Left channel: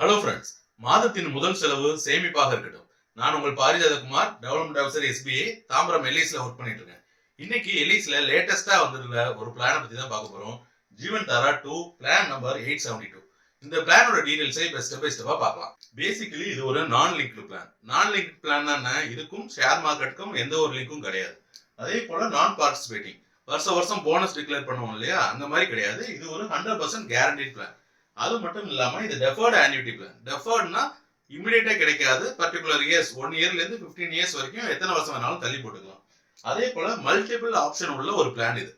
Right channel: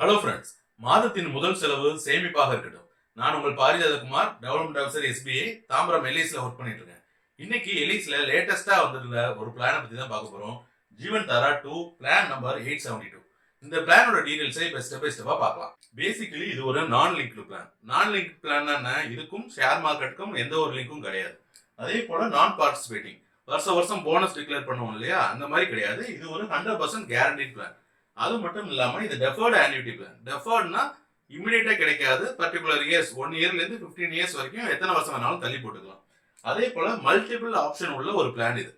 Hello friends, மாதத்தின் முதல் செலவு சேமிப்பாக இருக்கட்டும். நான் உங்கள் Parijathakumar, development officer SBI, Tambaram எல்ஐசியில் ஒர்க் பண்ணிட்டு இருக்கேன். இன்னைக்கு எல்ஐசியில் லேட்டஸ்டா வந்துருந்த ஒரு பிளானை பத்தி தான் பார்க்க போறோம். ஜீவன் தாரா 2 பிளான் நம்பர் 872. இந்த பிளானோட டீடைல்ஸை இப்போ ஸ்டெப் பை ஸ்டெப்பா பார்க்கலாம். பேசிக்கலி இது ஒரு நான் லிங்க்டு பிளான். நான் லிங்க்டு பிளான் என்ன, இதுக்கும் ஷேர் மார்க்கெட்டுக்கும் எந்த ஒரு லிங்க்கும் கிடையாது. அதே போல நான் பார்ட்டிசிபேட்டிங், வருஷம் வருஷம் போனஸ் டிக்ளேர் பண்ணுவோம் இல்லையா, அந்த மாதிரி கிடையாது. இது ஒரு 100% கேரண்டீட் பிளான். அது மட்டும் இல்லாம இது டெஃபர்டு ஆன்யூட்டி பிளான். டெஃபர்ட்னா இமிடியேட்டா கிடைக்காது. பர்டிகுலர் இயர்ஸ் 1 இயர்ல இருந்து 15 இயர்ஸ் வரைக்கும் எத்தனை வருஷம் வேணாலும் தள்ளி போட்டுக்கலாம். அதே போல மல்டிபிள் ஆப்ஷன் உள்ள ஒரு பிளான் இது.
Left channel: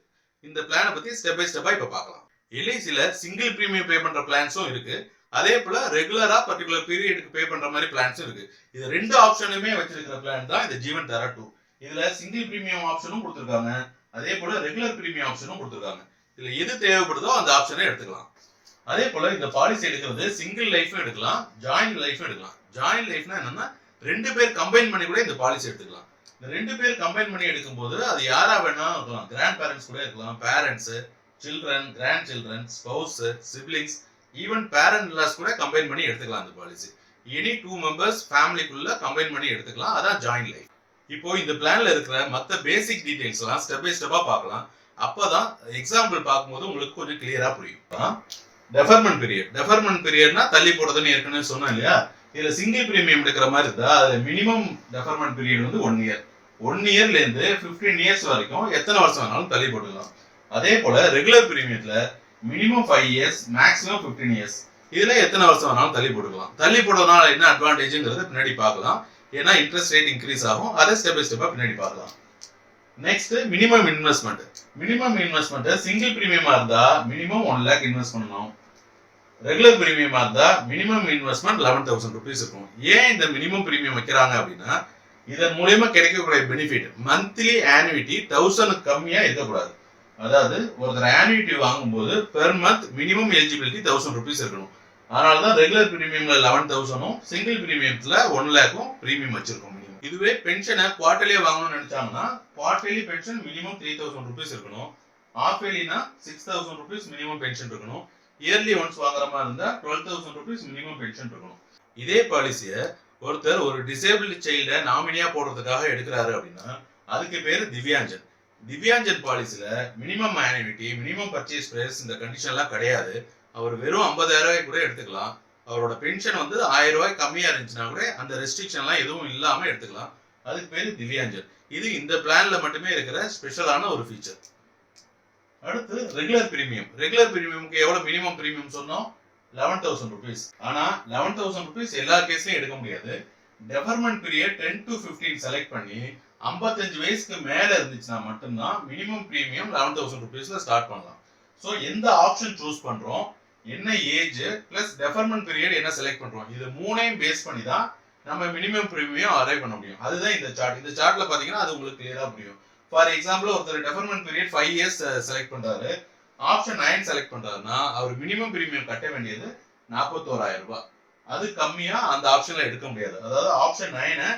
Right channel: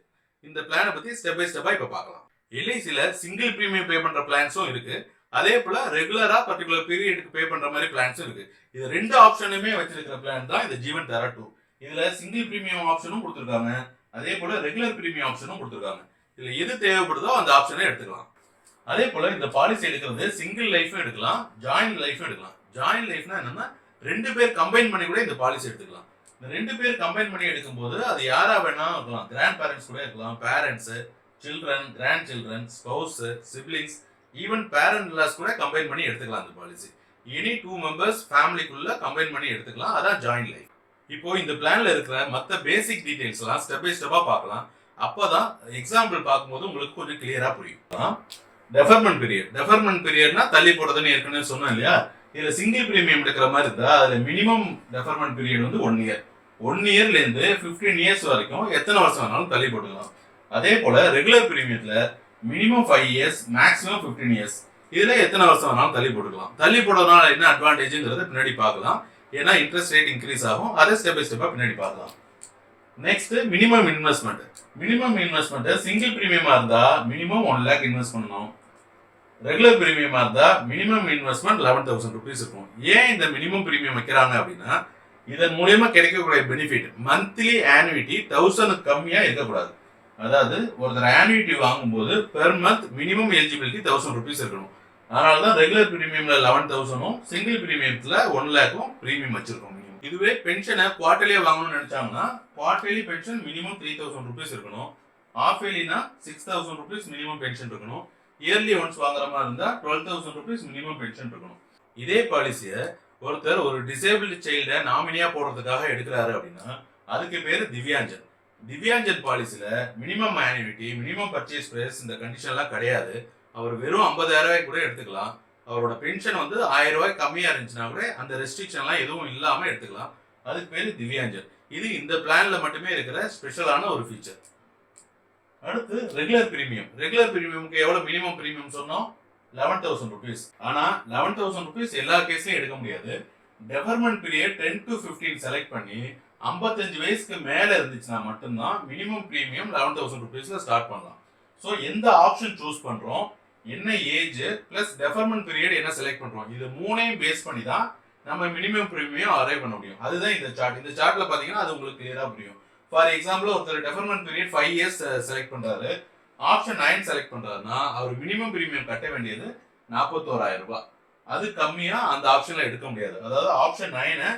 இந்த பிளானை பத்தி ஸ்டெப் பை ஸ்டெப்பா இப்ப பார்க்கலாம். எல்ஐசில சிங்கிள் பிரீமியம் பே பண்ற பிளான்ஸும் இருக்கு. அதே போல ரெகுலரா பர்டிகுலர் பீரியடுக்கு பே பண்ற மாதிரி பிளான்ஸும் இருக்கு. இது ரெண்டு ஆப்ஷனுமே வச்சிருக்கிற பிளான் தான் இந்த ஜீவன் தாரா 2. இதுல சிங்கிள் பிரீமியம் ஆப்ஷனும் கொடுத்துருக்காங்க. அதே போல ரெகுலர் பிரீமியம் ஆப்ஷனும் கொடுத்துருக்காங்க. இதுல எது தேவைப்படுதோ அந்த ஆப்ஷனை எடுத்துக்கலாம். அதே போல இந்த பாலிசி எடுக்கிறது சிங்கிள் லைஃபும் எடுக்கலாம், ஜாயிண்ட் லைஃபும் எடுக்கலாம். ஜாயிண்ட் லைஃப்னா என்னன்னா 2 பேர் கம்பைன் பண்ணி கூட இந்த பாலிசி எடுத்துக்கலாம். இந்த 2 பேர் கம்பைன் பண்ணி எடுக்கும்போது அது யாரா வேணாலும் இருக்கலாம். கிராண்ட் பேரண்ட்ஸ் கூட இருக்கலாம், parents, children, grandchildren, spouse, siblings, even parent laws கூட கம்பைன் பண்ணி எடுத்துக்கலாம். இந்த பாலிசி எனி 2 மெம்பர்ஸ் ஃபேமிலிக்குள்ள கம்பைன் பண்ணி எடுத்துக்கலாம். அதான் ஜாயிண்ட் லைஃப். இப்போ இந்த பிளான்ல இருக்கிற மற்ற பேசிக் டீடைல்ஸ் எல்லாம் ஸ்டெப் பை ஸ்டெப்பா பார்க்கலாம். அப்பதான் எக்ஸாம்பிள் பார்க்கும்போது உங்களுக்கு கொஞ்சம் கிளியரா புரியும். டெஃபர்மெண்ட் பீரியட்னா தள்ளி போடுறதுன்னு ஏற்கனவே சொன்னோம் இல்லையா. இதுல சிங்கிள் பிரீமியம் எடுக்கிற மாதிரி இருந்தா அதுல மினிமம் டெஃபர்மெண்ட் பீரியட் வந்து 1 இயர். 1 இயர்ல இருந்து 15 இயர்ஸ் வரைக்கும் எத்தனை வருஷம் வேணாலும் தள்ளி போட்டுக்கலாம். அதே போல ரெகுலர் பிரீமியத்துல மினிமம் 5 இயர்ஸ், மேக்ஸிமம் 15 இயர்ஸ். இதுல எத்தனை வருஷம் வேணாலும் தள்ளி போட்டுக்கலாம். தள்ளி போடுறதுனால என்ன அட்வான்டேஜ்ங்கிறத பின்னாடி பார்க்கலாம். ஏன்னா இன்ட்ரெஸ்ட் ரேட் இன்க்ரீஸ் ஆகும். அதை ஸ்டெப் பை ஸ்டெப்பா பின்னாடி பார்க்கலாம். Next minimum investment. Minimum investment single பிரீமியமா இருந்தா மினிமம் 1 லேக் இன்வெஸ்ட் பண்ணணும். ரெகுலர் பிரீமியமா இருந்தா மினிமம் இன்வெஸ்ட்மெண்ட் 11,000 rupees இருக்கும். ஏன் இந்த மினிமம் பிரீமியம் வைக்கிறாங்க அப்படின்னா இதன் மூலமா கிடைக்கக்கூடிய பெனிஃபிட் மந்த்லி ஆனுவிட்டி 1000 கம்மியா இருக்கக்கூடாது. அதாவது ஒருத்தர் ஆனுவிட்டி வாங்கும்போது per month minimum eligibility 1000 rupees இருக்கணும். அதனாலதான் ரெகுலர் பிரீமியம்ல 11,000, சிங்கிள் பிரீமியம்ல 1 லேக்கும் பிரீமியம் வச்சிருக்கோம். இதுவே பென்ஷனை குவார்டர்லியா வாங்கணும்னு நினைச்சாங்கன்னா குவார்டர்லி பென்ஷன் மினிமம் 3,000 rupees இருக்கணும். ஆஃப் இயர்லினா 6,000 rupees மினிமம் பென்ஷன் இருக்கணும். இயர்லி ஒன்ஸ் வாங்குற மாதிரி இருந்தா 12,000 rupees மினிமம் பென்ஷன் இருக்கணும். இதே பாலிசியை ஒருத்தர் ஒரு டிசேபிள் சைல்ட நாமினியா போடுறதுக்காக எடுக்கிறாரு அப்படின்னா அதுக்கு பேரு திவ்யாஞ்சன். திவ்யாஞ்சன் பாலிசியில minimum annuity, minimum purchase price இந்த கண்டிஷன்லாம் கிடையாது. அவர் வெறும் 50,000 ரூபாய் கூட எடுத்துக்கலாம். அவரோட பென்ஷன் வந்து 1000 ரூபாய் கம்மியா இருந்துச்சுன்னா கூட அந்த ரெஸ்ட்ரிக்ஷன்லாம் எதுவும் இல்லாம எடுத்துக்கலாம். அதுக்கு பேரு திவ்யாஞ்சன். இது இந்த பிளான்ல மட்டுமே இருக்கிற ஸ்பெஷலான ஒரு ஃபீச்சர். அடுத்து ரெகுலர் பிரீமியம். ரெகுலர் பிரீமியமுக்கு எவ்வளவு மினிமம் பிரீமியம் சொன்னோம்? 11,000 rupees. ஆனா 11,000 rupees எல்லா கேஸ்லயும் எடுக்க முடியாது. டெஃபர்மெண்ட் பீரியட் 10 to 15 செலக்ட் பண்ணி 55 வயசுக்கு மேல இருந்துச்சுன்னா மட்டும்தான் மினிமம் பிரீமியம் 11,000 rupeesல ஸ்டார்ட் பண்ணலாம். ஸோ எந்த ஆப்ஷன் சூஸ் பண்றோம், என்ன ஏஜ் பிளஸ் டெஃபர்மெண்ட் பீரியட் என்ன செலக்ட் பண்றோம், இது மூணையும் பேஸ் பண்ணி தான் நம்ம மினிமம் பிரீமியம் அரைவ் பண்ண முடியும். அதுதான் இந்த சார்ட். இந்த சார்ட்ல பாத்தீங்கன்னா அது உங்களுக்கு கிளியரா புரியும். ஃபார் எக்ஸாம்பிள் ஒருத்தர் டெஃபர்மெண்ட் பீரியட் 5 இயர்ஸ் செலக்ட் பண்றாரு, ஆப்ஷன் 9 செலக்ட் பண்றாருன்னா அவர் மினிமம் பிரீமியம் கட்ட வேண்டியது 41,000 ரூபாய். அது கம்மியா அந்த ஆப்ஷன்ல எடுக்க முடியாது. அதாவது ஆப்ஷன் 9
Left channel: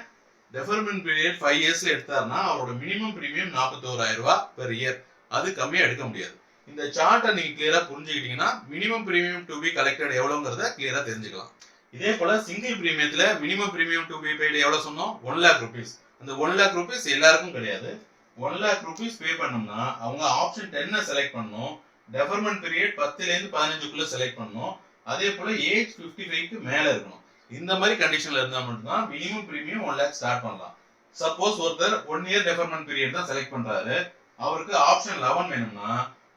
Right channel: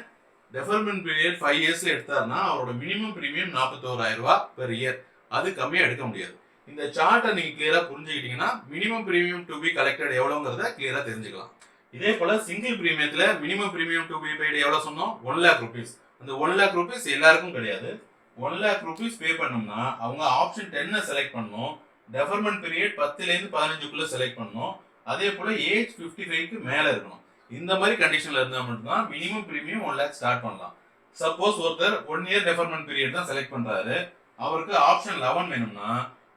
டெஃபர்மெண்ட் பீரியட் 5 இயர்ஸ்ல எடுத்தாருன்னா அவரோட மினிமம் பிரீமியம் 41,000 ரூபாய் பெர் இயர். அது கம்மியா எடுக்க முடியாது. இந்த சார்ட்டை நீங்க கிளியரா புரிஞ்சுக்கிட்டீங்கன்னா minimum premium to be collected எவ்வளவுங்கிறத கிளியரா தெரிஞ்சுக்கலாம். இதே போல சிங்கிள் பிரீமியத்துல minimum premium to be paid எவ்வளவு சொன்னோம்? 1 lakh rupees. அந்த 1 lakh rupees எல்லாருக்கும் கிடையாது. 1 lakh rupees பே பண்ணோம்னா அவங்க ஆப்ஷன் 10 செலக்ட் பண்ணணும். டெஃபர்மெண்ட் பீரியட் 10ல இருந்து 15க்குள்ள செலக்ட் பண்ணணும். அதே போல ஏஜ் 55க்கு மேல இருக்கணும். இந்த மாதிரி கண்டிஷன்ல இருந்தா மட்டும்தான் மினிமம் பிரீமியம் 1 lakh ஸ்டார்ட் பண்ணலாம். சப்போஸ் ஒருத்தர் 1 இயர் டெஃபர்மெண்ட் பீரியட் தான் செலக்ட் பண்றாரு, அவருக்கு ஆப்ஷன் 11 வேணும்னா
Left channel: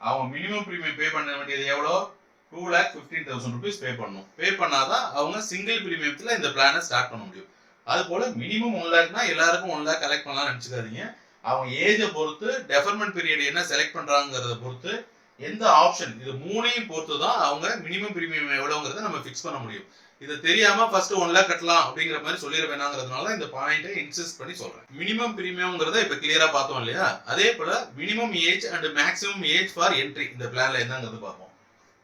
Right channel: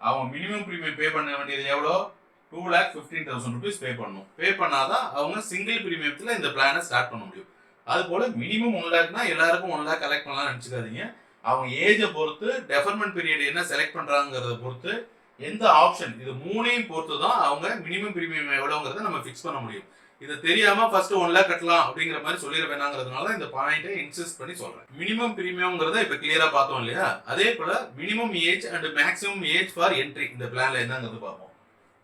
அவங்க மினிமம் பிரீமியம் பே பண்ண வேண்டியது எவ்வளோ? 2,15,000 rupees பே பண்ணணும். பே பண்ணாதான் அவங்க சிங்கிள் பிரீமியத்துல இந்த பிளானை ஸ்டார்ட் பண்ண முடியும். அது போல மினிமம் 1 lakhனா எல்லாருக்கும் 1 lakh கலெக்ட் பண்ணலாம்னு நினைச்சுக்காதீங்க. அவங்க ஏஜை பொறுத்து டெஃபர்மெண்ட் பீரியட் என்ன செலக்ட் பண்றாங்கிறத பொறுத்து எந்த ஆப்ஷன் இது மூணையும் பொறுத்து தான் அவங்க மினிமம் பிரீமியம் எவ்வளவுங்கிறத நம்ம ஃபிக்ஸ் பண்ண முடியும். இது தெரியாம ஃபர்ஸ்ட் 1 lakh கட்டலாம் அப்படிங்கிற மாதிரி சொல்லிட வேணாங்கிறதுனால இந்த பாயிண்டை இன்சிஸ்ட் பண்ணி சொல்றேன். மினிமம் பிரீமியம்ங்கிறத இப்ப கிளியரா பார்த்தோம் இல்லையா. அதே போல minimum age and maximum age for entry இந்த பிளான்ல என்னங்கிறது பார்ப்போம்.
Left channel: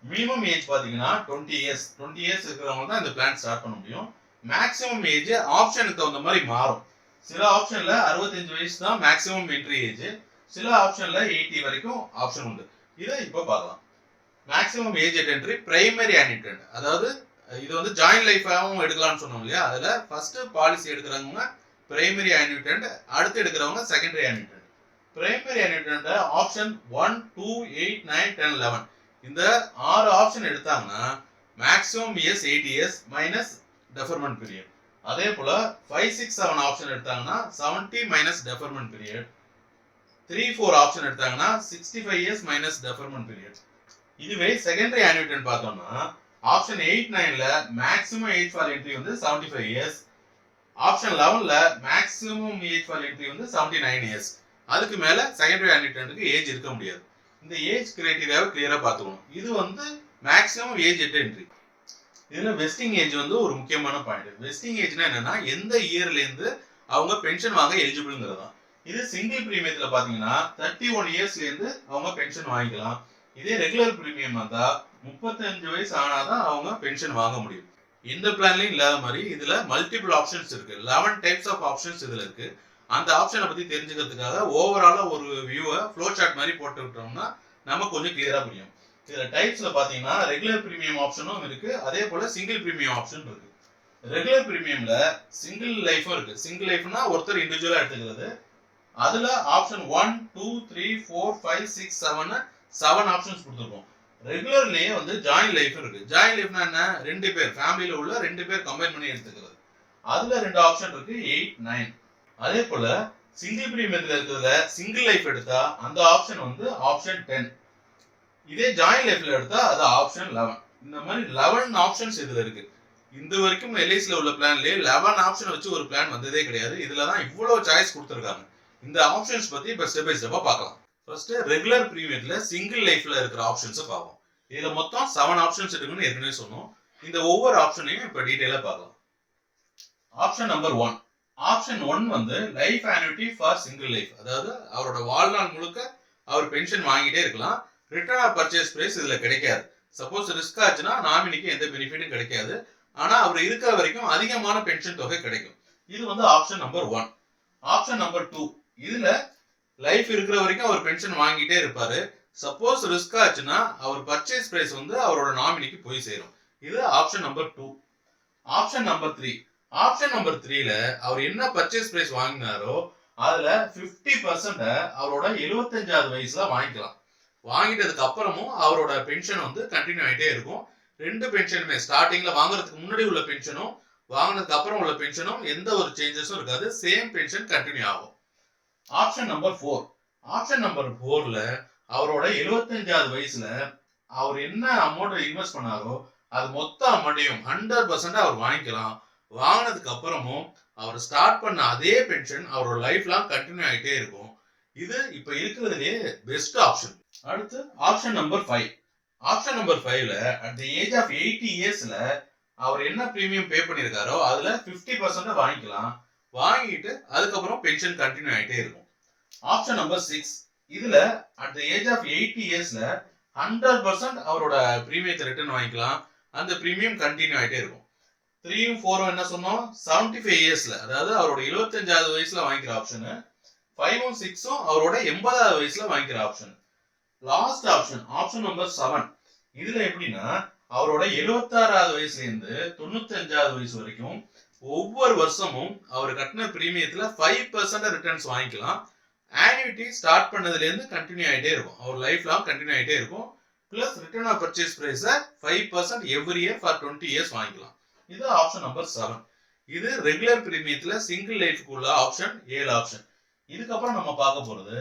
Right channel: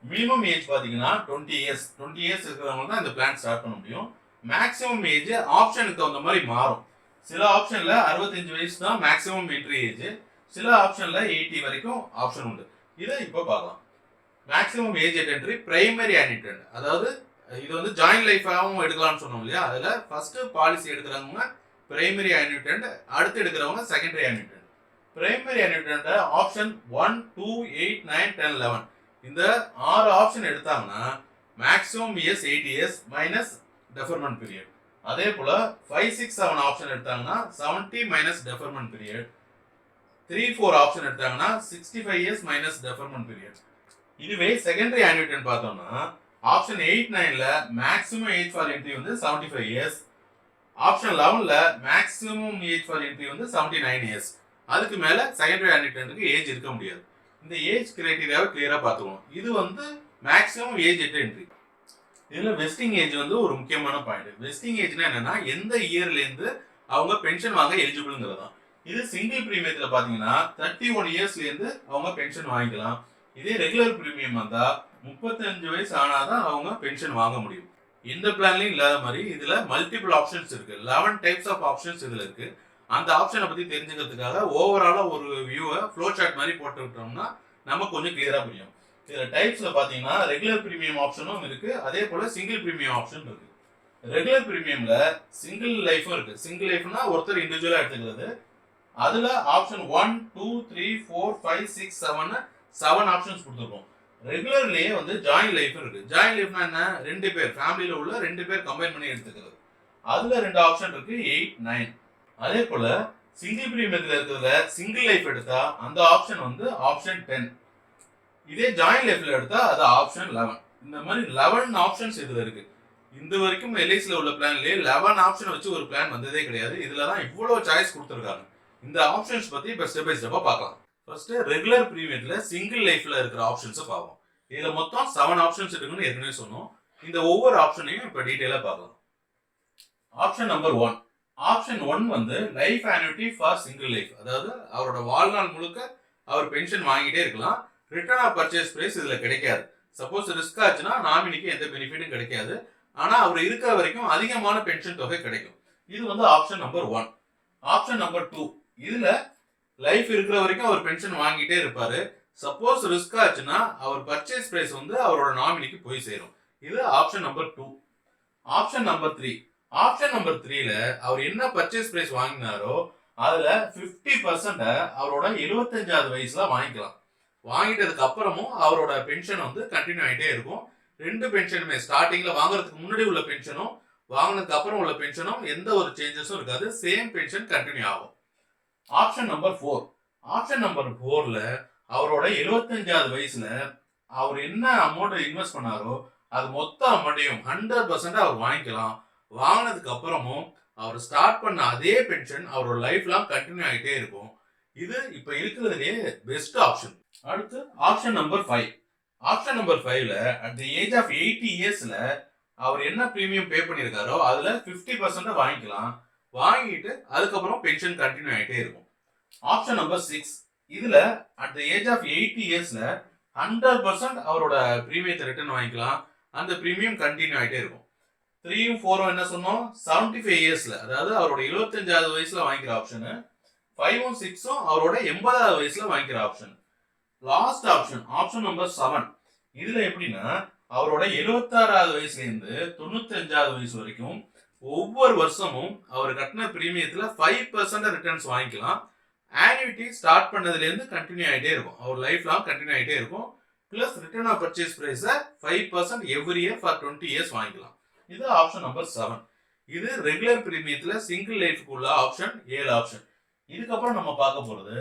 மினிமம் ஏஜ் பாத்தீங்கன்னா 20 இயர்ஸ். 20 இயர்ஸ் இருக்கிறவங்க தான் இந்த பிளான் ஸ்டார்ட் பண்ண முடியும். மேக்ஸிமம் ஏஜ் ஆப்ஷனுக்கு தகுந்த மாதிரி மாறும். சில ஆப்ஷன்ல 65 வயசு தான் மேக்ஸிமம் என்ட்ரி ஏஜ், சில ஆப்ஷன்ல 80 வரைக்கும் ஆப்ஷன் உண்டு. இதை இப்போ பார்க்கலாம். Maximum age at entry primary annuitant, அதாவது இது வந்து ஜாயிண்ட் லைஃபாகவும் எடுக்கலாம்னு சொன்னோம் இல்லையா? அதுல ஃபர்ஸ்ட் பாலிசி எடுக்கிறவங்க பிரைமரி அன்யூட்டன்ட், அடுத்து எடுக்கிறவங்க secondary annuitant. Primary annuitant option 1, 2, 8, 9, 10, 11 இந்த 6 ஆப்ஷன் எடுத்தாங்கன்னா maximum years 8 years minus deferment period. அதே போல 5, 6, 7 ஆப்ஷன் எடுத்தாங்கன்னா 70 மைனஸ் டெஃபர்மெண்ட் பீரியட். 3, 4 ஆப்ஷன் எடுத்தாங்கன்னா 65 இயர்ஸ் மைனஸ் டெஃபர்மெண்ட் பீரியட். இதுவே செகண்டரி அன்யூட்டன்ட் பார்த்தோம்னா ஆப்ஷன் 8, 9ல மேக்ஸிமம் ஏஜ் ஃபார் என்ட்ரி வந்து 75 இயர்ஸ். ஆப்ஷன் 11ல மேக்ஸிமம் ஏஜ் ஃபார் என்ட்ரி வந்து 79 இயர்ஸ். அதுக்கு மேல செகண்டரி அன்யூட்டன்ட்க்கு ஏஜ் இருக்க முடியாது. இந்த ஏஜ் கிரைட்டீரியாவை கிளியரா பார்த்துக்கணும். இது வந்து மேக்ஸிமம் ஏஜ் எட் என்ட்ரி. இதுல வெஸ்டிங் ஏஜ் வந்து ஒரு முக்கியமான பாயிண்ட். வெஸ்டிங் ஏஜ்னா என்னன்னா எந்த இயர்ல இருந்து அவங்க பென்ஷன் வாங்க எலிஜிபிள்ங்கிறது தான். இது சிங்கிள் பிரீமியத்துல பாத்தீங்கன்னா 31 இயர்ஸ்ல இருந்து அவங்க பென்ஷன் வாங்கிக்கலாம். இதே ரெகுலர் பிரீமியம் வந்தா 35 வயசு ஆனாதான் அவங்க பென்ஷன் வாங்க முடியும். எந்த பிளான்லயும் இல்லாத மாதிரி இதுல மல்டிபிள் ஆப்ஷன்ஸ் இருக்கு. 11 டைப்ஸ் ஆஃப் ஆப்ஷன்ஸ் இதுல இருக்கு. அந்த ஆப்ஷனை பத்தி தெரிஞ்சுக்கிறதுக்காக ஓவராலா ஒரு வியூவை ஃப்ளோ சார்ட் மாதிரி போட்டு விட்டோம்னா நமக்கு கொஞ்சம் கிளியரா புரியும். இதுல டைப்ஸ்ல பாத்தீங்கன்னா ரெகுலர் பிரீமியம் ஆப்ஷனும் இருக்கு, அதே போல சிங்கிள் பிரீமியம் ஆப்ஷன் இருக்கு. ரெகுலர் பிரீமியம்ல சிங்கிள் லைஃபும் இருக்கு. சிங்கிள் லைஃப்னா ஒருத்தர் இண்டிவிஜுவலா எடுத்துக்கிறது. அதுல ஆப்ஷன் 1, 2, 3, 4, 5, 6, 7 ஆப்ஷன்ஸ் கொடுத்துருக்கோம். ரெகுலர்லயே வந்து ஜாயிண்ட் லைஃப் இருக்கு. ஜாயிண்ட் லைஃப்னா என்ன? 2 பேர் ஃபேமிலியில உள்ள 2 பேர் கம்பைன் பண்ணி எடுத்துக்கிறது. அதுல 2 ஆப்ஷன் இருக்கு, 8, 9. அதே போல சிங்கிள் பிரீமியத்துல இருக்கிறத சிங்கிள் லைஃப் எடுத்தா அந்த ஆப்ஷன் வந்து ஆப்ஷன் 10. இதே ஜாயிண்ட் லைஃப்ல எடுத்தா அது ஆப்ஷன் 11. இந்த மாதிரி 11 ஆப்ஷன்ஸ் இதுல இருக்கு. இந்த வரைக்கும் எல்ஐசில உள்ள பிளான்லயே 11 ஆப்ஷன் வச்சு ஒரு பிளான் வந்ததே கிடையாது. இதுல தான் இவ்வளவு சாய்ஸ் கொடுத்துருக்காங்க. இந்த ஆப்ஷன்ஸ் பத்தி இப்ப ஸ்டெப் பை ஸ்டெப்பா பார்க்கலாம். ஃபர்ஸ்ட் ரெகுலர் பிரீமியத்துல சிங்கிள் லைஃப்ல இருக்கிற ஆப்ஷன்ஸ் பார்ப்போம். இதுல மொத்தம் 7 ஆப்ஷன்ஸ் இருக்குன்னு ஏற்கனவே சொன்னோம். இந்த ஒவ்வொரு ஆப்ஷனையும் இப்ப டீடைலா பார்க்கலாம். Option number 1. ஆப்ஷன் 1 வந்து life annuity for single life. அதாவது அவரோட வாழ்நாள் முழுக்க அவர் பென்ஷன் வாங்கிட்டே இருக்கலாம். ரிட்டர்ன் ஆஃப் பர்ச்சேஸ் பிரைஸ் இதுல கிடைக்காது. சப்போஸ் ரிஸ்க் ஆச்சுன்னா நாமினிக்கு எந்த பெனிஃபிட்டும் கிடைக்காது. ஆனா அவர் இருக்கிற வரைக்கும் அதிகமான பென்ஷன் தொகை கிடைக்கும். இது வந்து ஆப்ஷன் நம்பர் 1. Option number 2. இதுல லைஃப் இருக்கிற வரைக்கும் அவர் பென்ஷன் வாங்கிட்டே இருப்பாரு. சப்போஸ் ரிஸ்க் ஆச்சுன்னா அவர் பர்ச்சேஸ் பிரைஸ் வந்து அவரோட நாமினிக்கு போய் சேரும். இது option number 2. Option number 3. Option number 3ல அவர் என்ன பர்ச்சேஸ் பிரைஸ் வாங்கினாரோ அதுல 50% அவரோட 75வது வயசுல வாங்கிக்கலாம். வாங்கிட்டதுக்கு அப்புறமும் அவரோட பென்ஷன் வந்து கண்டினியூ ஆகிட்டே இருக்கும். 2 பென்ஷனுமே ஸ்டார்டிங்ல வாங்குறதுக்கு முன்னாடி உள்ள பென்ஷனும் வாங்கினதுக்கு அப்புறம் உள்ள பென்ஷனும் எந்த ஒரு சேஞ்சஸும் இருக்காது. சேம் பென்ஷன் கண்டினியூ ஆகும். Option number 4. ஆப்ஷன் நம்பர் 4ல அவரோட 75வது வயசுல அவர் என்ன அமௌண்ட் இன்வெஸ்ட் பண்ணாரோ அது மொத்த அமௌண்ட்டையும் 100% அவர் வாங்கிக்கலாம். வாங்கினதுக்கு அப்புறமும் அவர் ஸ்டார்ட் பண்ண அதே பென்ஷன் அவரோட லைஃப் லாங் கண்டினியூ ஆகிட்டே இருக்கும். இது இப்ப இருக்கிறதுலே பெஸ்ட் ஆப்ஷன். அடுத்து ஆப்ஷன் நம்பர் 5. ஆப்ஷன் நம்பர் 5ல அட் தி ஏஜ் ஆஃப் 80 இயர்ஸ்ல அவர் என்ன பிரீமியம் பே பண்ணிருக்காரோ அதுல 50% வாங்கிக்கலாம். வாங்கிட்டு அதுக்கப்புறம் பென்ஷன் கண்டினியூ ஆகிட்டே இருக்கும். Option number 6. இதுல அட் தி ஏஜ் ஆஃப் 80 இயர்ஸ்ல 100% அவரோட பிரீமியத்தை ரிட்டர்ன் வாங்கிக்கலாம். அந்த பிரீமியம் கண்டினியூ ஆகிட்டே இருக்கும். 3ம் 4ம் என்ன சொன்னோம்? 75 இயர்ஸ்ல, அதாவது அவரோட 75வது வயசுல வாங்கிக்கிற ஆப்ஷன். 5ம் 6ம் அவரோட 80வது வயசுல வாங்கிக்கிற option. Last option option number 7. இதுல எப்படின்னா அவரோட 76வது வயசுல இருந்து 95வது வயசு வரைக்கும் ஒவ்வொரு வருஷமும் அவர் கட்டின பிரீமியத்துல 5% ரிட்டர்ன்ஸ் வாங்கிக்கலாம். ஆன்னுவிட்டி ஸ்டார்ட் பண்ணதுல இருந்து கண்டினியூ ஆகிட்டே இருக்கும். அவர் லைஃப் லாங் கண்டினியூ ஆகிட்டே இருக்கும். Plus return of purchase price 5% every year for 20 years வாங்கிக்கலாம். இது ஆப்ஷன் நம்பர் 7. இது ரெகுலர் பிரீமியத்துல சிங்கிள் லைஃப்க்கு உள்ள ஆப்ஷன் 7 ஆப்ஷன். இதுக்கப்புறம் நம்ம பார்க்க போறது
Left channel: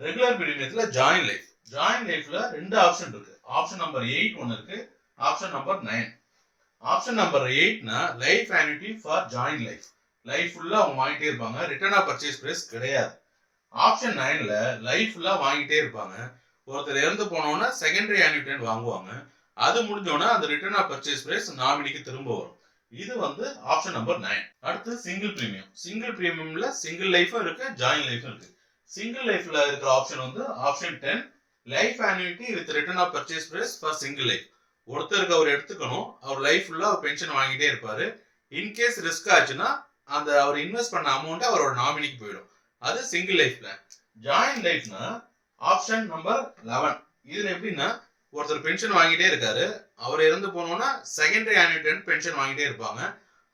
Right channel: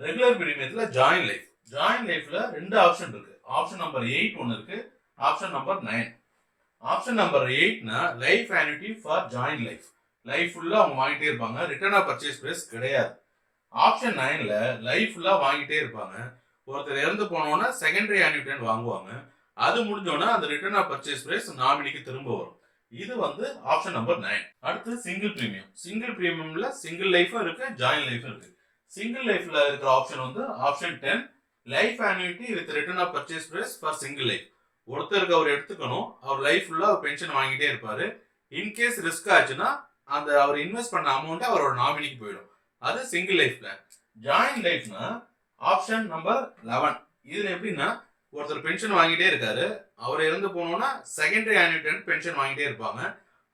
ரெகுலர் பிரீமியத்துல ஜாயிண்ட் லைஃப். ஜாயிண்ட் லைஃப்ல 2 ஆப்ஷன் இருக்கு. ஆப்ஷன் நம்பர் 8 ஒன்னு இருக்கு, ஆப்ஷன் நம்பர் 9. ஆப்ஷன் நம்பர் 8னா life annuity for joint life. Life ஃபுல்லா அவங்க வாங்கிட்டே இருப்பாங்க. ரிட்டர்ன் ஆஃப் பர்ச்சேஸ் பிரைஸ் கிடையாது. ஆப்ஷன் 9ல லைஃப் ஃபுல்லா வாங்கிட்டே இருப்பாங்க. ஒருத்தர் இறந்து போனோன்னா செகண்டரி ஆன்னுட்டி வாங்குவாங்க. அது முடிஞ்சோன்னா அந்த ரிட்டர்ன் ஆஃப் பர்ச்சேஸ் பிரைஸ் நாமினிக்கு திரும்ப வரும். இது வந்து ஆப்ஷன் நம்பர் 9. அடுத்து சிங்கிள் பிரீமியம். சிங்கிள் பிரீமியம்ல சிங்கிள் லைஃபும் இருக்கு, ஜாயிண்ட் லைஃபும் இருக்கு. சிங்கிள் லைஃப்ல இருக்கிற ஆப்ஷன் வந்து option 10. Life annuity with return of purchase price for single life. ஒருத்தருக்கு அவர் எடுத்துக்கணும். அவர் லைஃப் ஃபுல்லா பென்ஷன் வாங்கிட்டே இருப்பாரு. இன்கேஸ் ரிஸ்க் ஆச்சுன்னா அந்த அவர் இன்வெஸ்ட் பண்ண அமௌண்ட் அவரோட நாமினிக்கு போயிடும். அது சிங்கிள் லைஃப் பிளான். ஜாயிண்ட் லைஃப்னா ஆப்ஷன் நம்பர் 11. இதுல எப்படின்னா ஒருத்தர் பென்ஷன் வாங்கிட்டே இருக்காரு, அவர் இறந்து போனோம்னா செகண்டரி ஆன்யூட்டன்ட் பென்ஷன் வாங்கிட்டே இருப்பாங்க.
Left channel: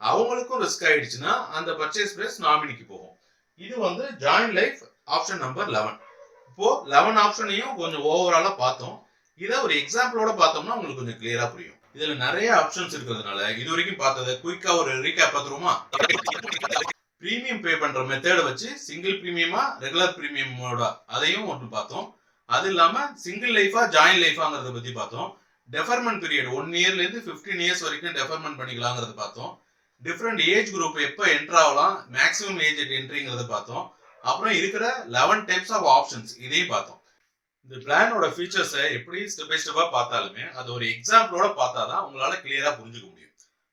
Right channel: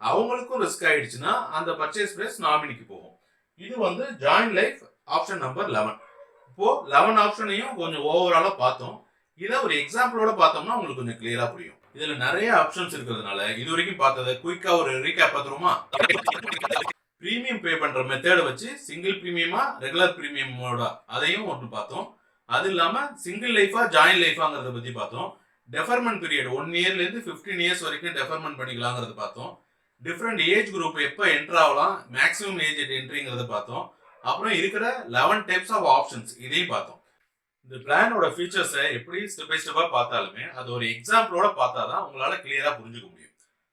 அவங்களுக்கும் ரிஸ்க் ஆயிடுச்சுன்னா அந்த பர்ச்சேஸ் பிரைஸ் நாமினிக்கு போகும். இது வந்து ஜாயிண்ட் லைஃப் ஆப்ஷன் நம்பர் 11. இப்போ 11 ஆப்ஷனையும் கொஞ்சம் ஓவராலா பார்த்தோம். இதை ஒரு எக்ஸாம்பிளோட பார்த்தோம்னா உங்களுக்கு கொஞ்சம் கிளியரா புரியும். இதுல நிறைய ஆப்ஷன்ஸ் இருக்கிறதுனால இது வரைக்கும் பார்த்ததை குயிக்கா ஒரு ரீகேப் பார்த்துருமா? பிரீமியம் பே பண்ற மெத்தட வச்சு சிங்கிள் பிரீமியமா ரெகுலர் பிரீமியமோட அதையும் ஒன்று பார்த்தோம். அது இல்லாம சிங்கிள் லைஃபா ஜாயிண்ட் லைஃபாங்கிறத பத்தி பார்த்தோம். டெஃபர்மெண்ட் பீரியட் 1 இயர்ல இருந்து 15 இயர்ஸ் வரைக்கும் டெஃபர்மெண்ட் பண்ணிக்கலாங்கிறத பார்த்தோம். டிஃப்ரெண்ட் ஏஜ் குரூப் எப்போ என்டர் ஆகலாம், மேக்ஸிமம் ஏஜ் என்ட்ரிங்கிறத பார்த்தோம். அப்புறம் இருக்கிற 11 டைப்ஸ் ஆஃப் ஆப்ஷன்ஸ் இதையும் பார்த்தோம். இந்த பிளானோட ஃபீச்சர்ஸை எப்படி ஸ்டெப் பை ஸ்டெப்பா பார்த்தாலுமே அது ஒரு எக்ஸாம்பிளோட பார்த்தாதான் உங்களால கிளியரா புரிஞ்சுக்க முடியும்.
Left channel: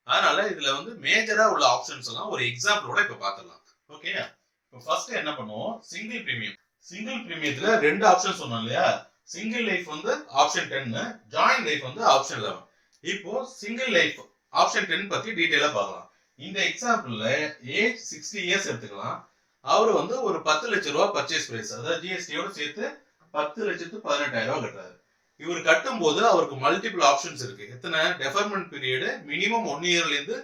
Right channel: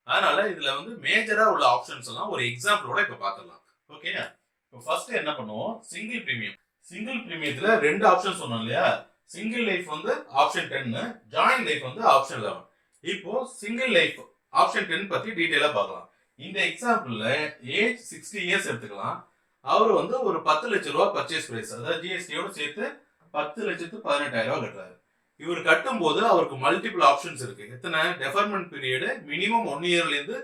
அதனால இதுல வந்து மேஜரா உள்ள ஆப்ஷன்ஸ் எல்லாம் ஒரு எக்ஸாம்பிளோட இப்ப பார்க்கலாம். ஓகே, இப்போ ஃபர்ஸ்ட் என்ன பண்ணுவோம், சிங்கிள் பிரீமியம். சிங்கிள் பிரீமியத்துல 2 ஆப்ஷன் சொன்னோம் இல்லையா? சிங்கிள் லைஃப் வந்து ஆப்ஷன் 10, ஜாயிண்ட் லைஃப் வந்து ஆப்ஷன் 11. இப்போ சிங்கிள் லைஃப் ஆப்ஷன் 10 பத்தி டீடைலா பார்க்கலாம். இந்த எக்ஸாம்பிள்ல ஏஜ் 60 இயர்ஸ் எடுத்துக்கலாம். அவர் வந்து ஒரு 10 லட்சம் ரூபாய் பர்ச்சேஸ் பிரைஸ், அதாவது ஜிஎஸ்டியோட சேர்த்து 10,18,000 கட்டுறாரு. இவர் கட்டும் போது அவருக்கு மல்டிபிள் ஆப்ஷன்ஸ் இருக்கு. எத்தனை? டெஃபர்மெண்ட் பீரியடு மினிமம் 1 இயர்ல இருந்து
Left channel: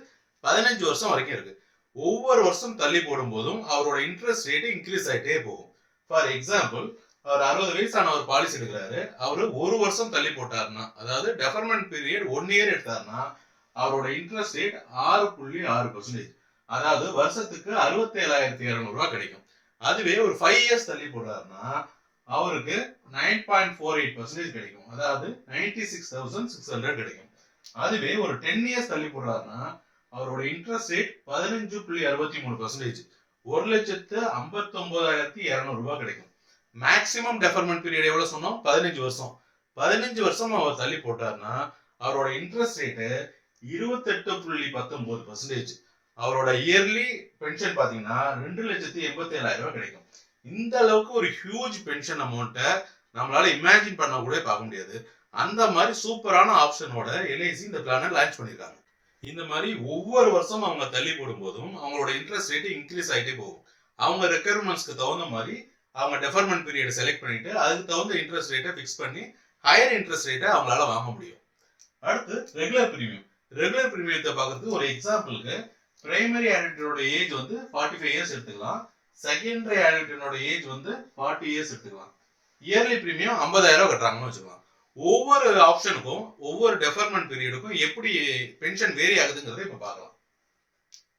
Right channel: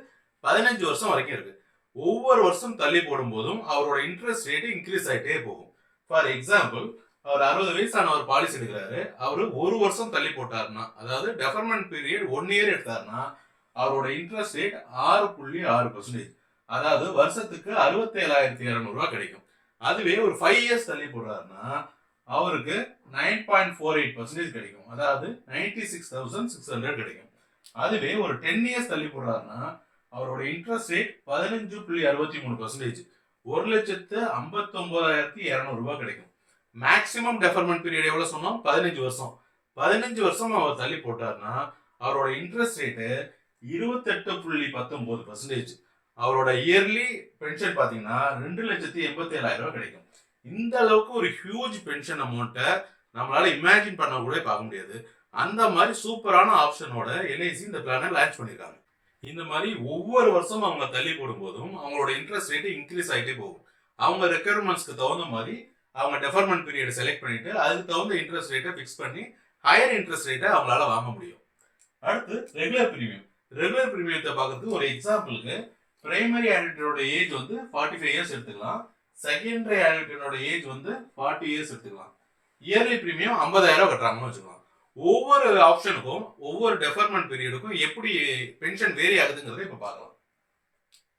15 வருஷம் வரைக்கும் இருக்கு. ஒவ்வொரு வருஷம் தள்ளி போடும் போதும் அவரோட இன்ட்ரெஸ்ட் ரேட் இன்க்ரீஸ் ஆகிட்டே போகும். ஃபார் எக்ஸாம்பிள், அவர் 60 வயசான ஒரு பாலிசி எடுக்கிறாரு. அவரு ஒரு வருஷம் தள்ளி போட்டாருன்னா, அதாவது டெஃபர்மெண்ட் பீரியட் 1 இயர் எடுத்தாருன்னா அவரோட இன்ட்ரெஸ்ட் ரேட் 6.6%. அதாவது வருஷத்துக்கு 67,200 ரூபாய் கிடைக்கும். அதுவே ஒரு 5 இயர்ஸ் தள்ளி போடுறாருன்னா அவருக்கு 9.48% கிடைக்கும். அதாவது 96,600 கிடைக்கும். அதுவே ஒரு 10 இயர்ஸ் தள்ளி போடுறாருன்னா அவரோட இன்ட்ரெஸ்ட் ரேட் 15.63%, 1,59,200 ரூபாய் கிடைக்கும். மேக்சிமம் டெஃபர்மெண்ட் பீரியட் எவ்வளவு சொன்னோம்? 15 வருஷம். 15 வருஷம் அவர் தள்ளி போட்டாருன்னா அவரோட இன்ட்ரெஸ்ட் ரேட்டு 28.19%. அவரோட இயர்லி பென்ஷன் பாத்தீங்கன்னா 2,87,000 ரூபாய் கிடைக்கும். இந்த அளவுக்கு ஒரு ஹியூஜ் பென்ஷன் அமௌண்ட்டை நம்மளால இமேஜின் பண்ண கூட பார்க்க முடியாது. அந்த மாதிரி சூப்பரான ஆப்ஷனோட எல்ஐசி இந்த பிளானை லான்ச் பண்ணிருக்காங்க. இந்த மாதிரி ஒவ்வொரு வருஷம் அவங்க தள்ளி போடும் போதும் அவங்களோட இன்ட்ரெஸ்ட் ரேட் இன்க்ரீஸ் ஆகிட்டே போகும். அவங்க ரெக்யர்மெண்ட்ஸ்க்கு தகுந்த மாதிரி அவங்க டெஃபர்மெண்ட் பீரியட் செலக்ட் பண்ணிட்டு அதுக்கு தகுந்த இன்ட்ரெஸ்ட் ரேட்டை ஃபிக்ஸ் பண்ணி ஹையர் இன்ட்ரெஸ்ட் ரேட்டை அவங்களால வாங்க முடியும். அடுத்து ரெகுலர் பிரீமியம். ரெகுலர் பிரீமியத்தை பார்க்கறதுக்கு ஒரு எக்ஸாம்பிளுக்கு பிரைமரி ஆடிட்டரோட ஏஜ் வந்து 45 இயர்ஸ் எடுத்துக்கலாம். செகண்டரி ஆடிட்டரோட ஏஜ் வந்து 40 இயர்ஸ் எடுத்துக்கலாம். இயர்லி பிரீமியம் 50,000 கட்டுறாங்கன்னு வச்சுக்கலாம். ஒவ்வொரு ஆப்ஷனுக்கும் ஒவ்வொரு டெஃபர்மெண்ட் பீரியடுக்கும் எப்படி பென்ஷன் வேரி ஆகுதுங்கிறத இப்ப பார்க்கலாம்.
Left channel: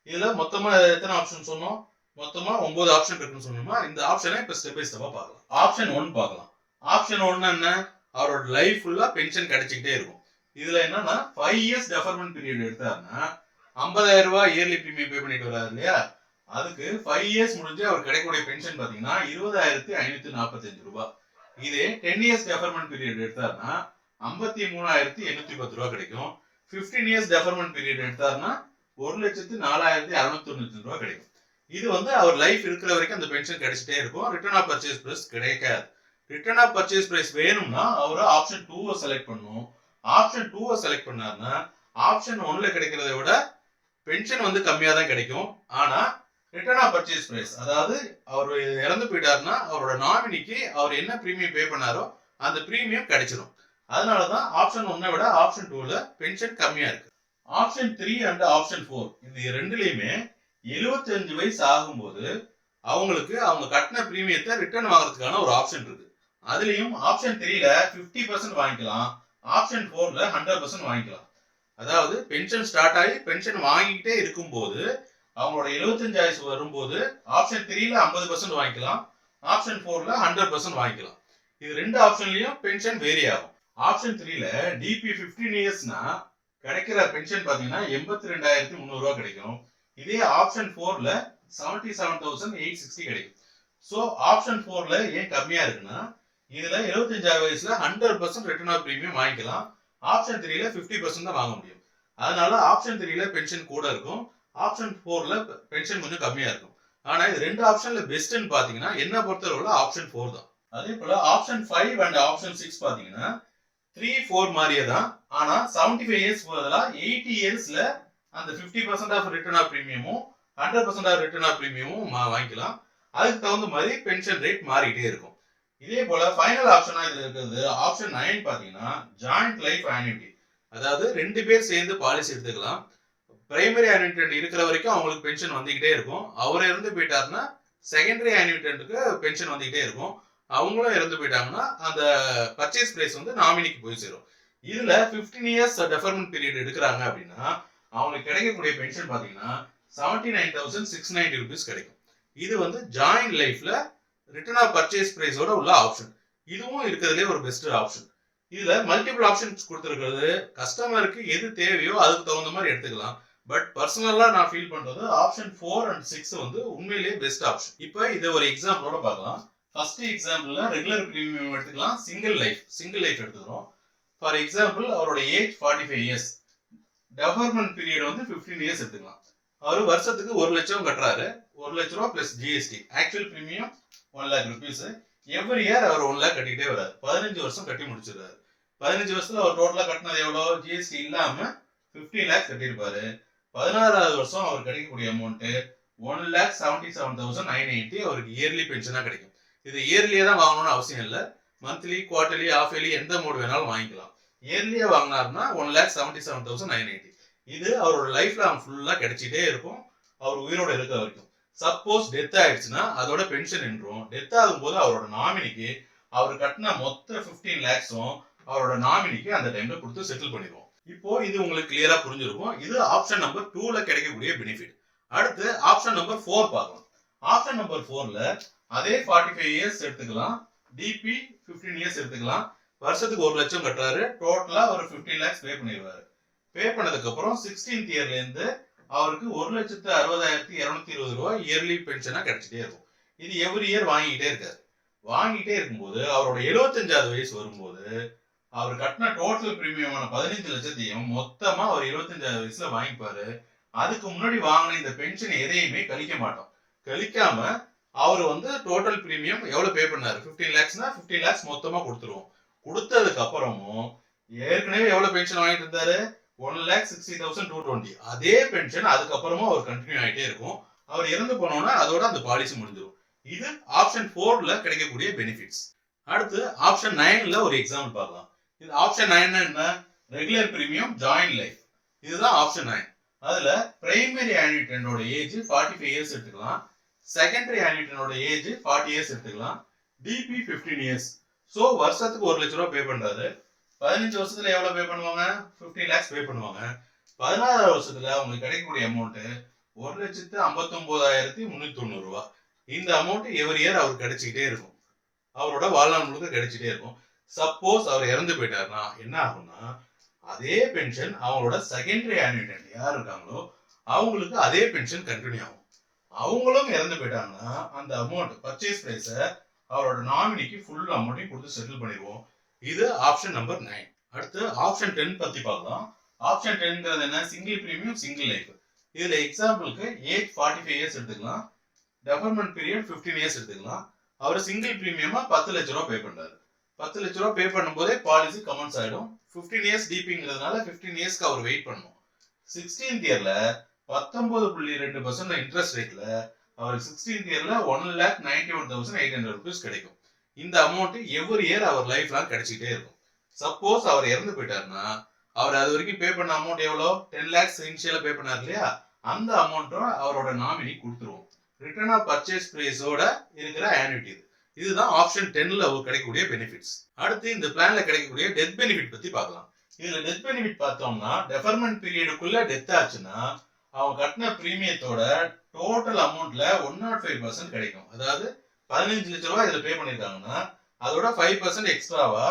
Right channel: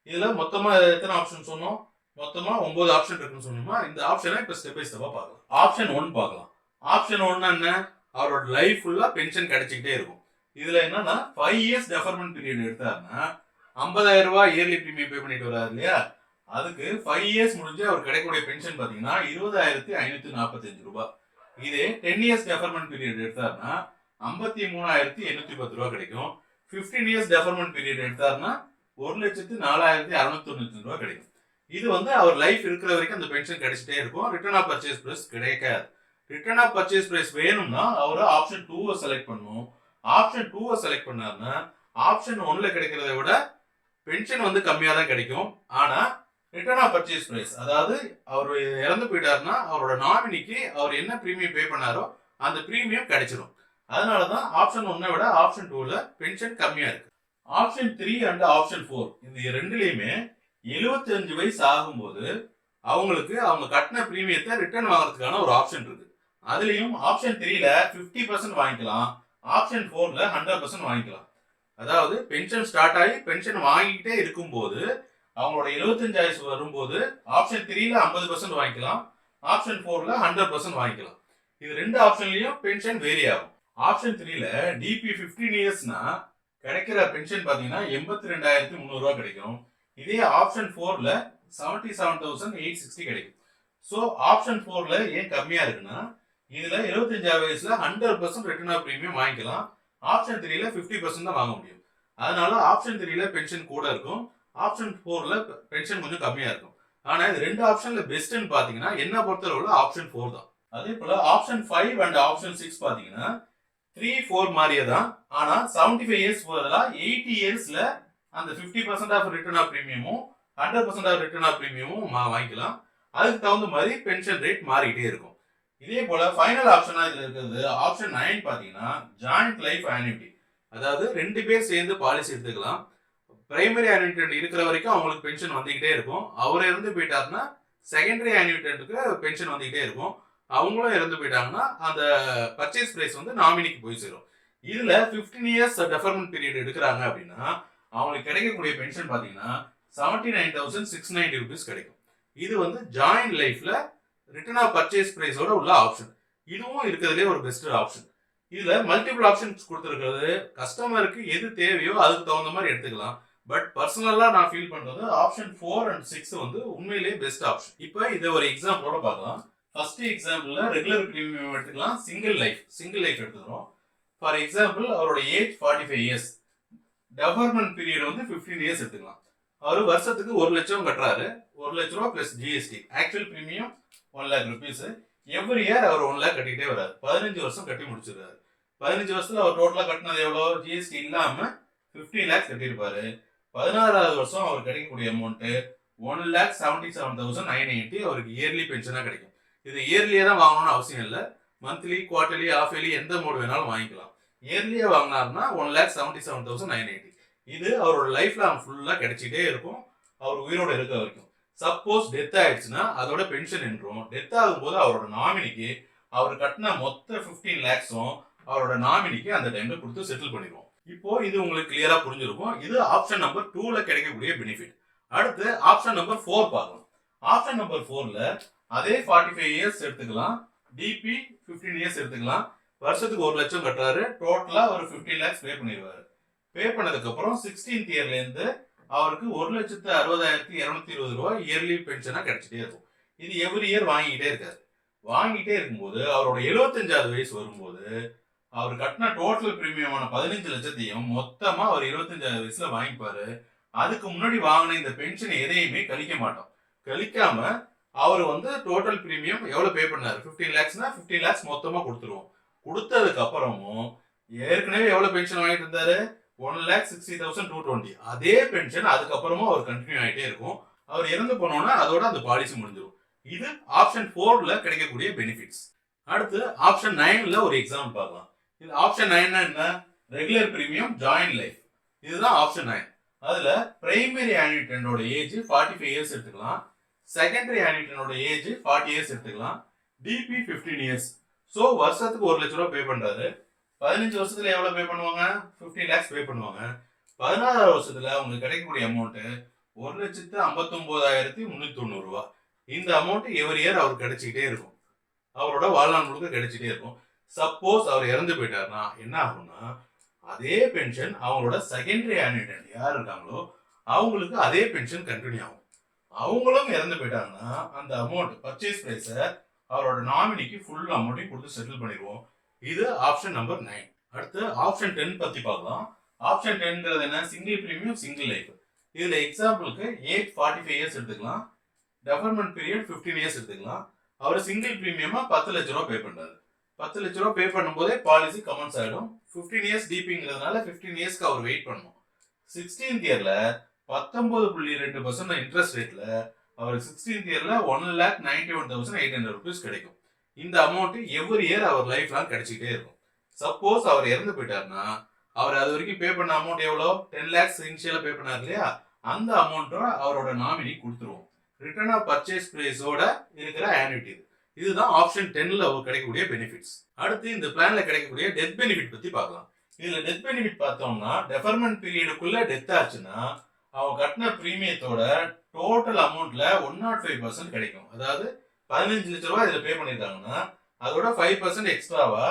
இதுல மொத்தமா எத்தனை ஆப்ஷன் சொன்னோம்? மொத்தமா 9 ஆப்ஷன் இருக்குன்னு சொன்னோமா? இந்த ஆப்ஷனை இப்ப ஸ்டெப் பை ஸ்டெப்பா பார்க்கலாம். ஆப்ஷன் 1 பார்க்கலாம். ஆப்ஷன் 1 என்ன? அவரோட லைஃப் ஃபுல்லா பென்ஷன் கிடைச்சிக்கிட்டே இருக்கும். இதுல என்னன்னா 5 இயர்ஸ் டெஃபர்மெண்ட் பீரியட் எடுத்தாருன்னா 50,000 ரூபாய் இயர்லி பிரீமியம் பே பண்ணிட்டு வராரு இல்லையா? அதுக்கு 5 இயர்ஸ் முடிஞ்சு அவர் கிடைக்கக்கூடிய பென்ஷன் பாத்தீங்கன்னா 20,545 ரூபாய். இதே 10 இயர்ஸ் டெஃபர்மெண்ட் பீரியட் எடுத்தாருன்னா 53,810 ரூபாய் கிடைக்கும். 15 இயர்ஸ் டெஃபர்மெண்ட் பீரியட் எடுத்தாருன்னா 1,04,695 ரூபாய் கிடைக்கும். இது வந்து அவர் லைஃப் இருக்கிற வரைக்கும் அந்த பென்ஷன் கிடைச்சிட்டே இருக்கும். ரிட்டர்ன் ஆஃப் பர்ச்சேஸ் பிரைஸ் கிடைக்காது. ரிட்டர்ன் ஆஃப் பர்ச்சேஸ் பிரைஸ் வேணும்னா அவர் ஆப்ஷன் 2 செலக்ட் பண்ணணும். ஆப்ஷன் 2 செலக்ட் பண்ணாருன்னா ஆப்ஷன் 1ல கிடைக்கிறத விட பென்ஷன் வந்து கம்மியா தான் கிடைக்கும். ஆனா ரிட்டர்ன் ஆஃப் பர்ச்சேஸ் பிரைஸ், அதாவது அவர் இறந்து போயிட்டாருன்னா அவரோட நாமினிக்கு அவர் என்ன பிரீமியம் பே பண்ணாரோ அந்த பிரீமியம் கிடைச்சிடும். அதனாலதான் ஆப்ஷன் 1 விட ஆப்ஷன் 2ல பென்ஷன் கம்மியா இருக்கு. ஆப்ஷன் 3 அண்ட் ஆப்ஷன் 4 இது ரெண்டுலயுமே 75 வயசு ஆகும்போது அவங்களுக்கு அவங்க கட்டின பிரீமியத்தை ரிட்டர்ன் வாங்குறதுக்கான ஒரு ஆப்ஷன் இருக்கு. அதுலயும் ஆப்ஷன் 3ல 50% வாங்கிக்கலாம், ஆப்ஷன் 4ல 100% வாங்கிக்கலாம். அதாவது பென்ஷன் ஸ்டார்ட் ஆகி பென்ஷன் வாங்கிக்கிட்டே இருக்கும்போது அவங்களோட 75 வயசு வரும்போது ஆப்ஷன் 3ல 50% வாங்கிக்கலாம், ஆப்ஷன் 4ல 100% வாங்கிக்கலாம். இது ரெண்டு ஆப்ஷன்லயும் பென்ஷன் வேரி ஆகும். ஆப்ஷன் 3ல டிபி 15 இயர்ஸ்னா கிடைக்கிற பென்ஷன் பாத்தீங்கன்னா 82,300 ரூபாய் கிடைக்கும். இதே ஆப்ஷன் 4ல 77,860 கிடைக்கும். சோ ஆப்ஷன் 4ல ஏன் கம்மியா இருக்குன்னா இதுல 75 வயசுல 100% ரிட்டர்ன் ஆஃப் பிரீமியம் வாங்கிக்கலாம், ஆப்ஷன் 3ல 50% தான் வாங்க முடியும். அதனால ஆப்ஷன் 3ல பென்ஷன் கூட இருக்கும், ஆப்ஷன் 4ல பென்ஷன் கொஞ்சம் கம்மியா இருக்கும். ஆனா இது ரெண்டு ஆப்ஷன்ல பெஸ்ட்னு பாத்தீங்கன்னா என்ன பொறுத்தவரை ஆப்ஷன் 4 தான். அதே போல ஆப்ஷன் 5 அண்ட் ஆப்ஷன் 6 பாத்தீங்கன்னா 3, 4 மாதிரியே தான். ஆனா 75 இயர்ஸ் பதிலா 80 இயர்ஸ்ல அந்த 50% ஆஃப் ரிட்டர்ன் ஆஃப் பிரீமியமும் 100% ஆஃப் ரிட்டர்ன் ஆஃப் பிரீமியமும் வாங்கிக்கலாம். அதுக்கு தகுந்த மாதிரி பென்ஷன் ரேட் மாறிக்கிட்டே இருக்கும். இதே போல ஃபைனல் ஆப்ஷனா இதுல இருக்கிறது ஆப்ஷன் 9 பாத்தீங்கன்னா ஜாயிண்ட் லைஃப் ஆன்யூட்டி. அதாவது 2 பேர் சேர்ந்து பாலிசி எடுத்துக்கலாம். பிரைமரி ஆன்யூட்டன்ட் இருக்கிற வரைக்கும் அவங்களுக்கு பென்ஷன் வந்துகிட்டே இருக்கும். அவர் இறந்து போயிட்டாருன்னா செகண்டரி ஆன்யூட்டன்ட்டுக்கு பென்ஷன் வந்துகிட்டே இருக்கும். அவங்களும் இறந்து போயிட்டாங்கன்னா அந்த பர்ச்சேஸ் பிரைஸ் வந்து நாமினிக்கு போய் சேரும். இதுல 15 இயர்ஸ் டெஃபர்மெண்ட் பீரியட் எடுக்கிறாங்க அப்படின்னா அவங்களுக்கு கிடைக்கக்கூடிய பென்ஷன் பாத்தீங்கன்னா 79,690 rupees கிடைக்கும். இது வந்து ஜாயிண்ட் லைஃப்ல ரிட்டர்ன் ஆஃப் பர்ச்சேஸ் பிரைஸோட உள்ள ஆப்ஷன். இதுவும் இருக்கிறதுலே ஒரு பெஸ்ட் ஆப்ஷன். இதுல மல்டிபிள் ஆப்ஷன்ஸ் கொடுத்துருக்கிறது கஸ்டமருக்கு எது தேவையோ அதுக்கு தகுந்த மாதிரி எடுத்துக்கலாம். பட் பர்சனலா நான் ஃபீல் பண்றது ஆப்ஷன் 4 அண்ட் 6 வந்து உண்மையிலேயே பெஸ்ட் ஆப்ஷன். இப்போ இதை ஒரு எக்ஸாம்பிளோட பார்க்கலாம். ஃபர்ஸ்ட் எக்ஸாம்பிள்ல ரெகுலர் பிரீமியம் எடுத்துக்கலாம், சிங்கிள் லைஃப் எடுத்துக்கிறோம். ஃபார் எக்ஸாம்பிள் அவரோட ஏஜ் 45 இயர்ஸ், டெஃபர்மெண்ட் பீரியட் வந்து 15 இயர்ஸ் எடுத்துக்கலாம். அவர் வருஷத்துக்கு 1 லட்சம் கட்டுறாரு. 1 லட்ச ரூபா plus GST, actual premium 1 lakh rupees. Every year அவர் 1 lakh கட்டிட்டே வராரு. 15 வருஷம் கட்டி முடிச்சிருக்காரு. 15 வருஷத்துல அவர் டோட்டலா கட்டினது எவ்வளோ, ஜிஎஸ்டி இல்லாம 15 lakhs கட்டியிருப்பாரு. 16வது வருஷம் அவர் கிடைக்கக்கூடிய அமௌண்ட் 1,77,980 அவருக்கு இயர்லி பென்ஷனா கிடைக்கும். இது இயர்லியே தான் வாங்கணும்னு அவசியம் இல்லை. மந்த்லி, குவார்டர்லி, ஆஃப் இயர்லி எந்த மோடு வேணாலும் வாங்கிக்கலாம். இயர்லியே வாங்கினாருன்னா 1,77,980. இது அவரோட லைஃப்ல அவன் ஃபுல்லா கிடைச்சிட்டே இருக்கும் அவர் உயிரோட இருக்க வரைக்கும். சப்போஸ் டெத் ஆயிடுச்சுன்னா அதோட பென்ஷன் நின்றும். டெத் ஆகும்போது அவரோட நாமினிக்கு அவர் கட்டின மொத்த 15 lakhsம் அவரோட நாமினிக்கு அந்த டைம்ல கொடுத்து செட்டில் பண்ணிடுவோம். இப்போ இது உங்களுக்கு கிளியரா புரிஞ்சிருக்கும். இது ஆப்ஷன் நம்பர் 2ல கிடைக்கக்கூடிய பெனிஃபிட். அடுத்து ஆப்ஷன் நம்பர் 4 பார்க்கலாம். ஆப்ஷன் நம்பர் 4ல அதே 45 இயர்ஸ் எடுத்துக்கலாம், டிபி 15 இயர்ஸ் எடுத்துக்கலாம். வருஷத்துக்கு 1 லட்சம் கட்டுறாரு. டோட்டலா ஒரு 15 lakhs பே பண்ணிடுவாரு. பே பண்ணதுக்கு அப்புறம் 16th இயர்ல இருந்து அவருக்கு 1,60,220 ரூபாய் இயர்லி பென்ஷனா கிடைச்சிட்டே இருக்கும். இது எவ்ரி இயர் வாங்கிட்டே இருக்காரு. வாங்கிட்டே இருக்கும்போது அவரோட 75வது வயசு வரும்போது அவர் கட்டின டோட்டல் பிரீமியமான 15 லட்சத்தையும் மொத்தமா அவர் 25வது வயசுல வாங்கிப்பாரு. அதுக்கு முன்னாடி வாங்கின இந்த பென்ஷன் எதையுமே கழிக்க மாட்டோம். கழிக்காம அவர் வந்து டோட்டல் பிரீமியம் எவ்வளவு பே பண்ணாரு, 15 lakhsனா 15 lakhs மொத்தமா கொடுத்துருவோம். கொடுத்ததுக்கு அப்புறமும் ஏற்கனவே எவ்வளவு பென்ஷன் வாங்கிட்டு இருந்தாரு, 1,60,220. அதே பென்ஷன் அதுக்கப்புறமா அவர் கண்டினியூ ஆகிட்டே இருக்கும். அவர் இறந்து போனோம்னா அதோட அந்த பாலிசி முடிஞ்சிடும். இது ஆப்ஷன் 4ல கிடைக்கக்கூடிய பெனிஃபிட்ஸ். அடுத்து ஆப்ஷன் 9ல ஒரு எக்ஸாம்பிள் பார்க்கலாம். இது ஆப்ஷன் 9 என்ன, ரெகுலர் பிரீமியம் ஜாயிண்ட் லைஃப். இதுதான் ஆப்ஷன் 9. அதுல பிரைமரி ஆன்யூட்டனோட ஏஜ் 45 இயர்ஸ் எடுத்துக்கலாம், செகண்டரி ஆன்யூட்டனோட ஏஜ் 40 இயர்ஸ் எடுத்துக்கலாம், டிபி 15 இயர்ஸ். ஸோ வருஷத்துக்கு 1 லட்ச ரூபா பே பண்றாரு. 15 வருஷத்துல எவ்வளவு பே பண்ணுவாங்க, 15 lakhs பே பண்ணுவாங்க. 16வது வருஷத்துல உங்களுக்கு கிடைக்கக்கூடிய அமௌண்ட் 1,59,390 ரூபாய். இந்த அமௌண்ட் எவ்ரி இயர் அவருக்கு கிடைச்சிக்கிட்டே இருக்கும். அவரோட வாழ்நாள் முழுக்க கிடைச்சிட்டே இருக்கும். சப்போஸ் அவர் இறந்து போயிட்டாருன்னா என்ன ஆகும்னா அதே பென்ஷன் அவங்களோட செகண்டரி ஆன்யூட்டன்ட் யார் இருக்காங்களோ அவங்களுக்கு அதே பென்ஷன் கண்டினியூ ஆகும். அவங்களும் இறந்து போயிட்டாங்கன்னா அந்த அமௌண்ட் பர்ச்சேஸ் பிரைஸ அவரோட நாமினிக்கு ஃபுல் அமௌண்ட்டையும் கொடுத்து செட்டில் பண்ணிடுவோம். இது ஆப்ஷன் நம்பர் 9. அடுத்து ஆப்ஷன் 10 பத்தி பார்க்கலாம். ஆப்ஷன் 10ங்கிறது என்ன, சிங்கிள் பிரீமியம் சிங்கிள் லைஃப். இதுல எக்ஸாம்பிளுக்கு ஏஜ் 45 இயர்ஸ் எடுத்துக்கலாம், டெஃபர்மெண்ட் பீரியட் 15 இயர்ஸ் எடுத்துக்கலாம். அவர் சிங்கிள் பிரீமியமா 10 லட்ச ரூபா பே பண்றாரு. 10 லட்ச ரூபா பே பண்ணும்போதே பாலிசி கமெண்ட்ஸ் ஆயிடும். 15 இயர்ஸ் டிபிங்கிறதுனால 15 இயர்ஸ்க்கு அவர் வெயிட் பண்ணணும். 16th இயர்ல 19.2% இன்ட்ரெஸ்ட் ரேட்ல அவருக்கு 16th இயர்ல 1,91,800 rupees கிடைக்கும். இந்த அமௌண்ட் எவ்ரி இயர் அவர் லைஃப் லாங் கிடைச்சிட்டே இருக்கும். சப்போஸ் அவர் இறந்து போயிட்டாருன்னா அவர் அது வரைக்கும் பே பண்ண அமௌண்ட் எவ்வளோ, 10 lakhs இனிஷியலா பே பண்ணார் இல்லையா, அந்த அமௌண்ட்டோட அவரோட நாமினி கொடுத்துருவோம். ரிட்டர்ன் ஆஃப் பர்ச்சேஸ் பிரைஸோட இருக்கிற ஆன்யூட்டி. இதுதான் ஆப்ஷன் 10ல கிடைக்கக்கூடிய பெனிஃபிட்ஸ். அடுத்து இந்த பிளான்ல கிடைக்கக்கூடிய டெத் பெனிஃபிட் பத்தி பார்க்கலாம். இதுல டெத் பெனிஃபிட் பார்த்தோம்னா டெஃபர்மெண்ட் பீரியடுக்குள்ள டெத் ஆச்சுன்னா அவங்க கட்டின பிரீமியத்தோட டோட்டல் அமௌண்ட்ல 105% கிடைக்கும். அதாவது 15 லட்ச ரூபாய் இதுல பே பண்ணிருக்காங்கன்னா அதோட 5% எக்ஸ்ட்ராவா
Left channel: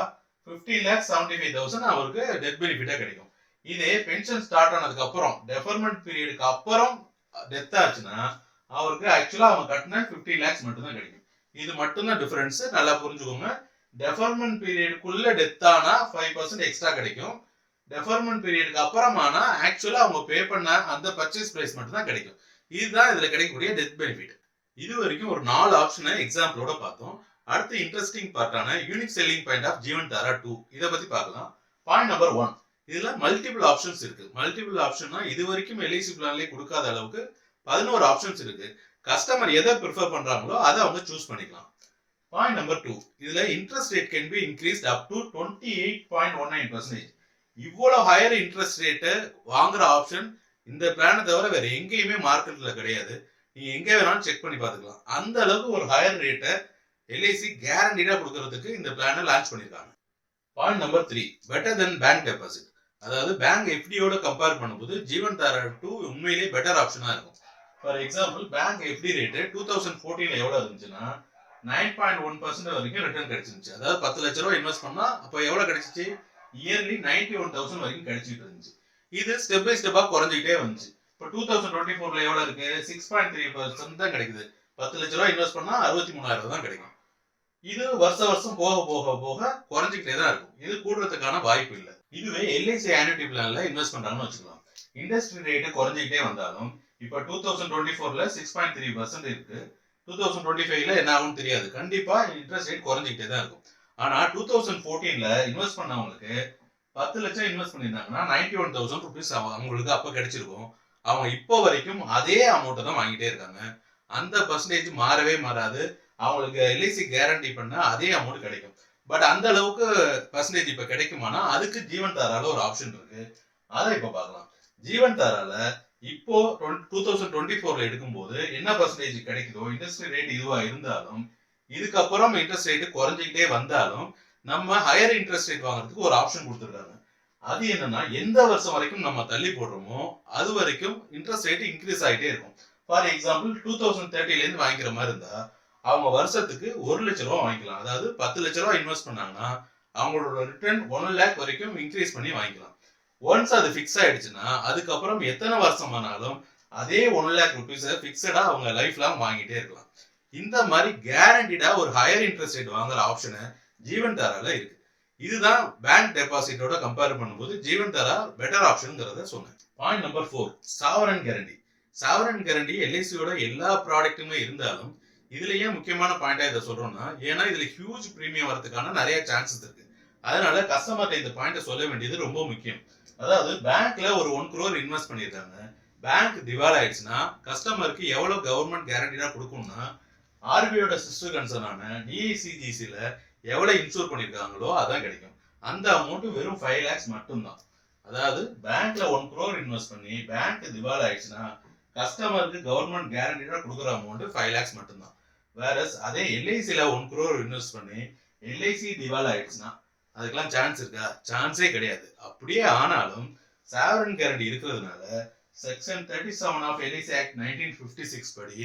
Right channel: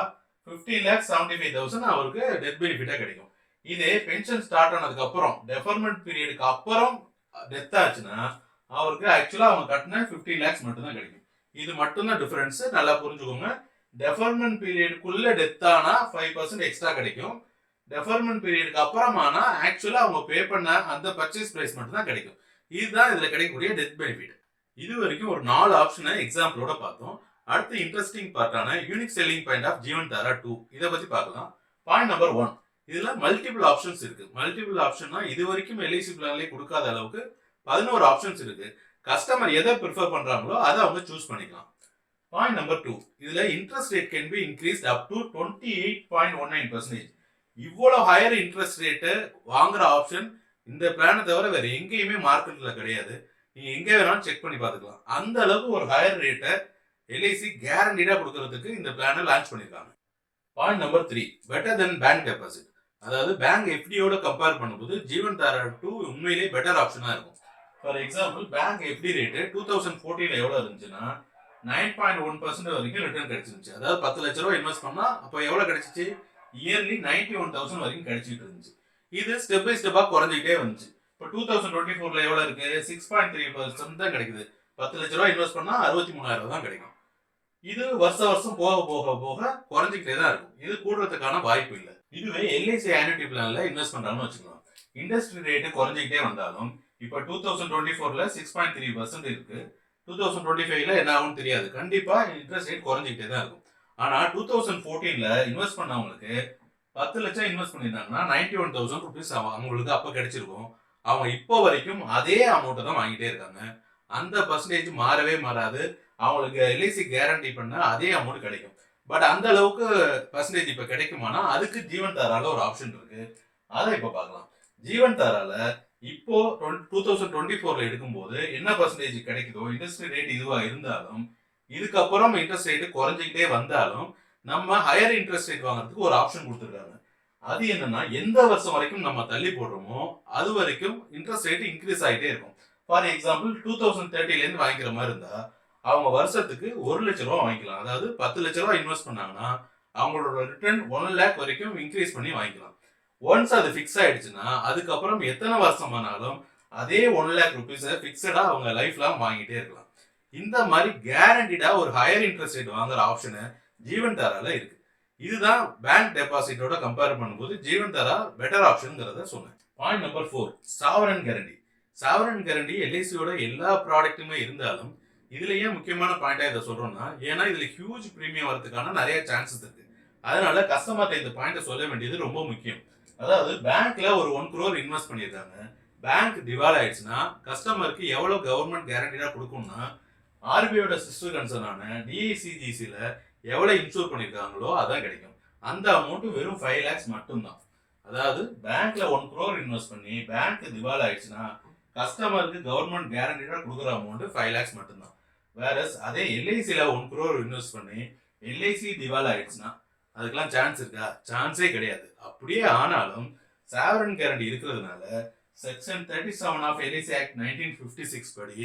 15,75,000 அவருக்கு டெத் பெனிஃபிட்டா கிடைக்கும். இதே பென்ஷன் ஸ்டார்ட் ஆனதுக்கு அப்புறம் டெஃபர்மெண்ட் பீரியடுக்கு அப்புறம் டெத் ஆச்சுன்னா அவருக்கு ஆக்சுவலா அவங்க கட்டின 15 lakhs மட்டும் தான் கிடைக்கும். இது மட்டும் தான் டிஃபரன்ஸ், நல்லா புரிஞ்சுக்கோங்க. டெஃபர்மெண்ட் பீரியடுக்குள்ள டெத் ஆனா 5% எக்ஸ்ட்ரா கிடைக்கும். டெஃபர்மெண்ட் பீரியடுக்கு அப்புறமானா ஆக்சுவலா அவங்க பே பண்ண அந்த பர்ச்சேஸ் பிரைஸ் மட்டும் தான் கிடைக்கும். இதுதான் இதுல கிடைக்கக்கூடிய டெத் பெனிஃபிட். இது வரைக்கும் ஒரு 4 ஆப்ஷனை எக்ஸாம்பிளோட பார்த்தோம். அடுத்து இன்ட்ரெஸ்டிங் பார்ட்டான unique selling point of Jeevan Dhara 2 இதை பத்தி பார்க்கலாம். பாயிண்ட் நம்பர் 1, இதுல மல்டிபிள் ஆப்ஷன்ஸ் இருக்கு. மல்டிபிள் ஆப்ஷன்னா இது வரைக்கும் எல்ஐசி பிளான்லேயே கொடுக்காத அளவுக்கு 11 ஆப்ஷன்ஸ் இருக்கு. கஸ்டமர் எதை ப்ரிஃபர் பண்றாங்களோ அதை அவங்க சூஸ் பண்ணிக்கலாம். பாயிண்ட் நம்பர் 2, இதுல interest rate can be increased up to 28.19%. இவ்வளவு ஹையர் இன்ட்ரெஸ்ட் ரேட்டை வாங்குற ஆப்ஷன் இந்த பிளானை தவிர வேற எங்கேயுமே மார்க்கெட்ல கிடையாது. நீங்க எங்க வேணாலும் செக் பண்ணி பார்த்துக்கலாம். அந்த அளவுக்கு ஒரு ஹையர் ரேட்டை எல்ஐசி கேரண்டீடா கொடுக்கறதுக்கு இந்த பிளானை லான்ச் பண்ணிருக்காங்க. Point number 3, better then bank deposit. அதாவது பேங்க் எஃப்டியோட கம்பேர் பண்ணும்போது ஜீவன் தாரா 2 உண்மையிலேயே பெட்டர் ஆப்ஷனா இருக்கும். For example, bank FD rate 2014 எவ்வளவு இருந்துச்சுன்னா 9.1% வரைக்கும் ரிட்டர்ன் கிடைச்சிருந்துச்சு. அதாவது 10 லட்ச ரூபாய் இன்வெஸ்ட் பண்ணா அப்போ எவ்வளவு கிடைச்சிச்சு? இயர்லி 91,000 வரைக்கும் கிடைச்சிட்டு இருந்துச்சு. இது ஸ்டெப் பை ஸ்டெப்பா குறைஞ்சிக்கிட்டே வந்துச்சு. இப்போ 2024ல எவ்வளவு இருக்கு? 6.3% தான் கிடைக்குது. 10 லட்ச ரூபாய் இன்வெஸ்ட் பண்ணா 63,000 தான் கிடைக்கும். இது வருஷம் போக போக போக குறைஞ்சிக்கிட்டே தான் இருக்கும். இது கூடுறதுக்கான வாய்ப்பு இல்லை. இதுவே எல்ஐசி ஆனுட்டி பிளான்ல இன்வெஸ்ட் பண்றாங்கன்னு வச்சுக்கலாம். இண்டஸ்ட்ரி ரேட்டு குறைஞ்சிக்கிட்டே வந்தாலும் இப்போ 2024ல 6.3% இருக்கு. 2025ல என்ன ஆகும்னு தெரியாது. கண்டிப்பா இன்ட்ரெஸ்ட் ரேட் குறைஞ்சிக்கிட்டே தான் இருக்கும். ஆனா 2014ல இன்வெஸ்ட் பண்ணவங்களுக்கு 10 லட்சம் இன்வெஸ்ட் பண்ணியிருந்தாங்கன்னா 91,000 ருபீஸ் அவங்களுக்கு அப்ப கிடைச்சிருக்கும். அவங்க இப்போ வரைக்கும் அதே அமௌண்ட்டை தான் வாங்கிட்டே இருக்காங்க. அந்த பர்சன்டேஜ் மாறவே மாறாது. அவங்களுக்கு எல்ஐசி கேரண்டி பண்ண அதே அமௌண்ட் கிடைக்கும். பட் அந்த அளவுக்கு பர்சன்டேஜ் இப்ப கிடைக்குமானா அதுக்கு ஜீவன் தாரால ஒரு ஆப்ஷன் இருக்கு. அதை இப்ப பார்க்கலாம். ஜீவன் தாரால இப்போ 2024ல எடுக்கும்போது என்ன பர்சன்டேஜ் கிடைக்குதோ, இண்டஸ்ட்ரி ரேட் இதுவா இருந்தாலும் இதுக்கப்புறம் இன்ட்ரெஸ்ட் ரேட் குறைஞ்சிக்கிட்டே வந்தாலும் நம்ம ஹையர் இன்ட்ரெஸ்ட் ரேட் வாங்குறதுக்கு ஒரு ஆப்ஷன் கொடுத்துருக்காங்க. அது என்னன்னா, எந்த வருஷம் வரைக்கும் நம்ம தள்ளி போடுறோமோ அது வரைக்கும் இன்ட்ரெஸ்ட் ரேட் இன்க்ரீஸ் ஆகிட்டே இருக்கும். ஃபார் எக்ஸாம்பிள் 2030ல இருந்து வாங்கிக்கிற மாதிரி இருந்தா அவங்க வருஷத்துக்கு 1 லட்ச ரூபா வாங்கிக்கலாம். அதாவது 10 லட்ச ரூபா இன்வெஸ்ட் பண்ணாங்கன்னா அவங்களோட ரிட்டர்ன் 1 லேக் வரைக்கும் இன்க்ரீஸ் பண்ணி வாங்கிக்கலாம். ஒன்ஸ் அது ஃபிக்ஸ் ஆயிடுச்சுன்னா அதுக்கப்புறம் எத்தனை வருஷம் ஆனாலும் அதே 1 லேக் ருபீஸை ஃபிக்ஸடா அவங்க லைஃப் லாங் வாங்கிட்டே இருக்கலாம். இந்த மாதிரி கேரண்டிடா ஒரு ஹையர் இன்ட்ரெஸ்ட் ரேட் வாங்குற ஆப்ஷனு ஜீவன் தாரால இருக்கு. இதுதான் பேங்க் டெபாசிட்டோட கம்பேர் பண்ணும்போது ஜீவன் தாரா பெட்டர் ஆப்ஷன்ங்கிறத சொன்னேன். Point number 4, sovereign guarantee. Sovereign guarantee எல்ஐசியோட எல்லா ப்ராடக்ட்டுமே இருந்தாலும் இதுல ஏன் முக்கியமான பாயிண்டா இதை சொல்றோம்னா, ஏன்னா இதுல ஹியூஜ் பிரீமியம் வரதுக்கான நிறைய சான்சஸ் இருக்கு. அதனால கஸ்டமர்ட்ட இந்த பாயிண்ட சொல்ல வேண்டியது ரொம்ப முக்கியம். அதாவது பேங்க்ல ஒரு 1 crore இன்வெஸ்ட் பண்ணிருக்காங்க. பேங்க் திவால் ஆயிடுச்சுன்னா கஸ்டமருக்கு எவ்வளவு கவர்மெண்ட் கேரண்டிடா கொடுக்கும்னா, ஆர்பிஐயோட சிஸ்டர் கன்சர்னான டிஐசிஜிசில எவ்வளவு இன்சூர் பண்ணிருக்காங்களோ அதான் கிடைக்கும். அந்த அமௌண்ட் வெறும் 5 lakhs மட்டும்தான். அதாவது பேங்க்ல 1 crore இன்வெஸ்ட் பண்ணி பேங்க் திவால் ஆயிடுச்சுன்னா கஸ்டமருக்கு கவர்மெண்ட் கேரண்டிடா கொடுக்குற அமௌண்ட் 5 lakhs மட்டும்தான். வேறஸ் அதே எல்ஐசில 1 crore இன்வெஸ்ட் பண்ணி எல்ஐசி திவால் ஆயிடுச்சுன்னா அதுக்கெல்லாம் சான்ஸ் இருக்கா? சான்ஸே கிடையாது. அப்படியே ஆனாலும் சாவரன் கேரண்டி இருக்கிறதுனால செக்ஷன் 37 ஆஃப் எல்ஐசி ஆக்ட் 1956 படி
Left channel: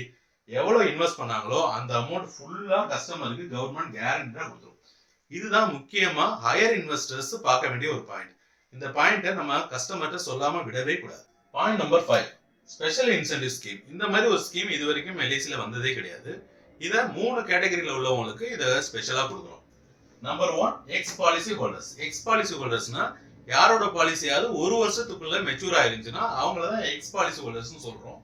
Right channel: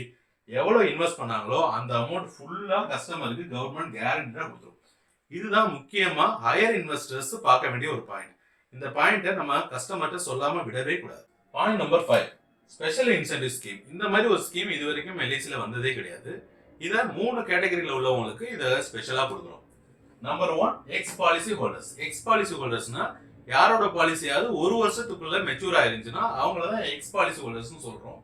எவ்வளவு இன்வெஸ்ட் பண்ணாங்களோ அந்த அமௌண்ட் ஃபுல்லா கஸ்டமருக்கு கவர்மெண்ட் கேரண்டிடா கொடுத்துரும். இதுதான் முக்கியமா ஹையர் இன்வெஸ்டர்ஸ் பார்க்க வேண்டிய ஒரு பாயிண்ட். இந்த பாயிண்ட்டை நம்ம கஸ்டமர்கிட்ட சொல்லாம விடவே கூடாது. Point number 5, special incentive scheme. இந்த மாதிரி ஒரு ஸ்கீம் இது வரைக்கும் எல்ஐசில வந்ததே கிடையாது. இதை 3 கேட்டகரியில உள்ளவங்களுக்கு இதை ஸ்பெஷலா கொடுக்குறோம். Number 1, ex policy holders. Ex policy ஹோல்டர்ஸ்னா யாரோட பாலிசியாவது 1 வருஷத்துக்குள்ள மெச்சூர் ஆயிருந்துச்சுன்னா அவங்கள தான் எக்ஸ் பாலிசி ஹோல்டர்ஸ் சொல்றோம்.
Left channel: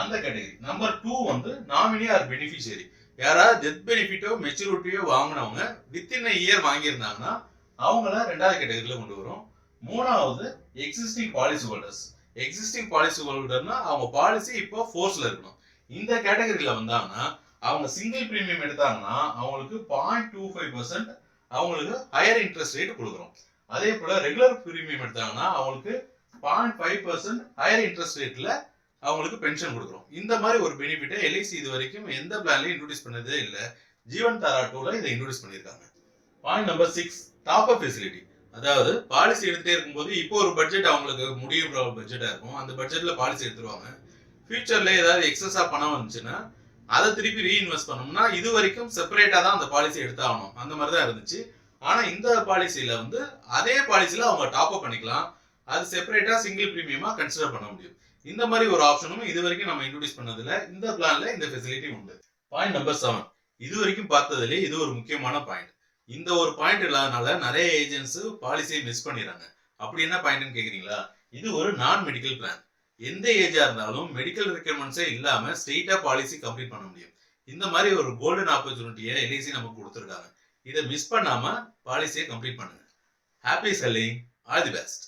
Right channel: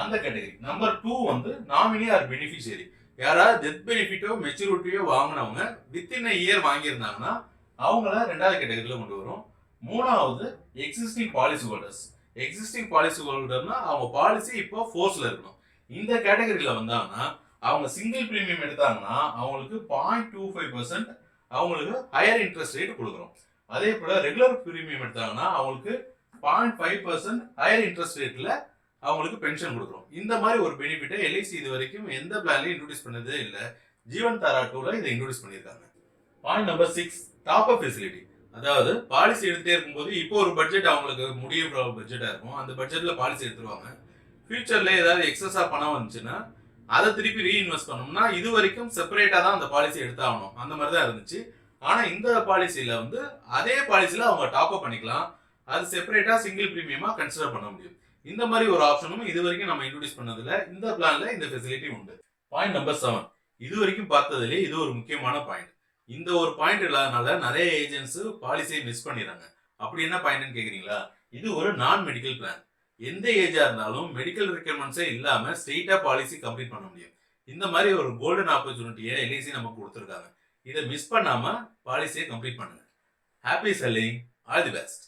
அந்த கேட்டகரி. நம்பர் 2 வந்து நாமினி ஆர் பெனிஃபிஷியரி. யாராவது டெத் பெனிஃபிட்டோ மெச்சூரிட்டியோ வாங்கினவங்க வித்தின் இயர் வாங்கியிருந்தாங்கன்னா அவங்கள 2வது கேட்டகரியில கொண்டு வரும். 3வது existing policy holders. Existing policy ஹோல்டர்னா அவங்க பாலிசி இப்போ ஃபோர்ஸ்ல இருக்கணும். இந்த கேட்டகரியில வந்தாங்கன்னா அவங்க சிங்கிள் பிரீமியம் எடுத்தாங்கன்னா அவங்களுக்கு 0.25% அவங்களுக்கு ஹையர் இன்ட்ரெஸ்ட் ரேட் கொடுக்குறோம். அதே போல ரெகுலர் பிரீமியம் எடுத்தாங்கன்னா அவங்களுக்கு 0.5% ஹையர் இன்ட்ரெஸ்ட் ரேட்ல அவங்களுக்கு பென்ஷன் கொடுக்குறோம். இந்த மாதிரி ஒரு பெனிஃபிட்டை எல்ஐசி இது வரைக்கும் எந்த பிளான்லயும் இன்ட்ரோடியூஸ் பண்ணதே இல்லை. ஜீவன் தாரா 2ல இதை இன்ட்ரோடியூஸ் பண்ணியிருக்காங்க. Point number 6, top up facility. அதாவது பாலிசி எடுத்துட்டே இருக்கும்போது இப்போ ஒரு பட்ஜெட் அவங்களுக்கு முடியும் பட்ஜெட்டா இருக்கும். அந்த பட்ஜெட்ல பாலிசி எடுத்துருவாங்க. ஃபியூச்சர்ல ஏதாவது எக்ஸஸா பணம் வந்துச்சுன்னா அதை திருப்பி ரீஇன்வெஸ்ட் பண்ணோம்னா இது வரைக்கும் செப்பரேட்டா தான் அந்த பாலிசி எடுத்தாகணும். அந்த மாதிரி தான் இருந்துச்சு. ஆனா இந்த பாலிசியில வந்து அதே பாலிசியில அவங்க டாப் அப் பண்ணிக்கலாம். அது செப்பரேட்டா சிங்கிள் பிரீமியமா கன்சிடர் பண்ண முடியும். இந்த மாதிரி ஒரு ஆப்ஷனும் இது வரைக்கும் நம்ம இன்ட்ரோடியூஸ் பண்ணதில்ல. இந்த பிளான்ல இந்த ஃபெசிலிட்டி உண்டு. பாயிண்ட் நம்பர் 7, இது வரைக்கும் பார்த்ததுலேயே இது ஒரு முக்கியமான பாயிண்ட். இந்த ஒரு பாயிண்ட் இல்லாதனால நிறைய ஏஜென்ட்ஸ் பாலிசியை மிஸ் பண்ணிடுறாங்க. அப்படி என்ன பாயிண்ட்னு கேக்குறீங்களா? இது ஒரு நான் மெடிக்கல் பிளான். எந்த ஏஜா இருந்தாலும் மெடிக்கல் ரெக்யர்மெண்ட்ஸே இல்லாம ஸ்ட்ரெயிட்டா பாலிசி கம்ப்ளீட் பண்ண முடியும். இந்த மாதிரி ஒரு கோல்டன் ஆப்பர்ச்சுனிட்டியை எல்ஐசி நமக்கு கொடுத்துருக்காங்க. இதை மிஸ் பண்ணாம பாலிசியை கம்ப்ளீட் பண்ணுங்க. Happy selling. All the best.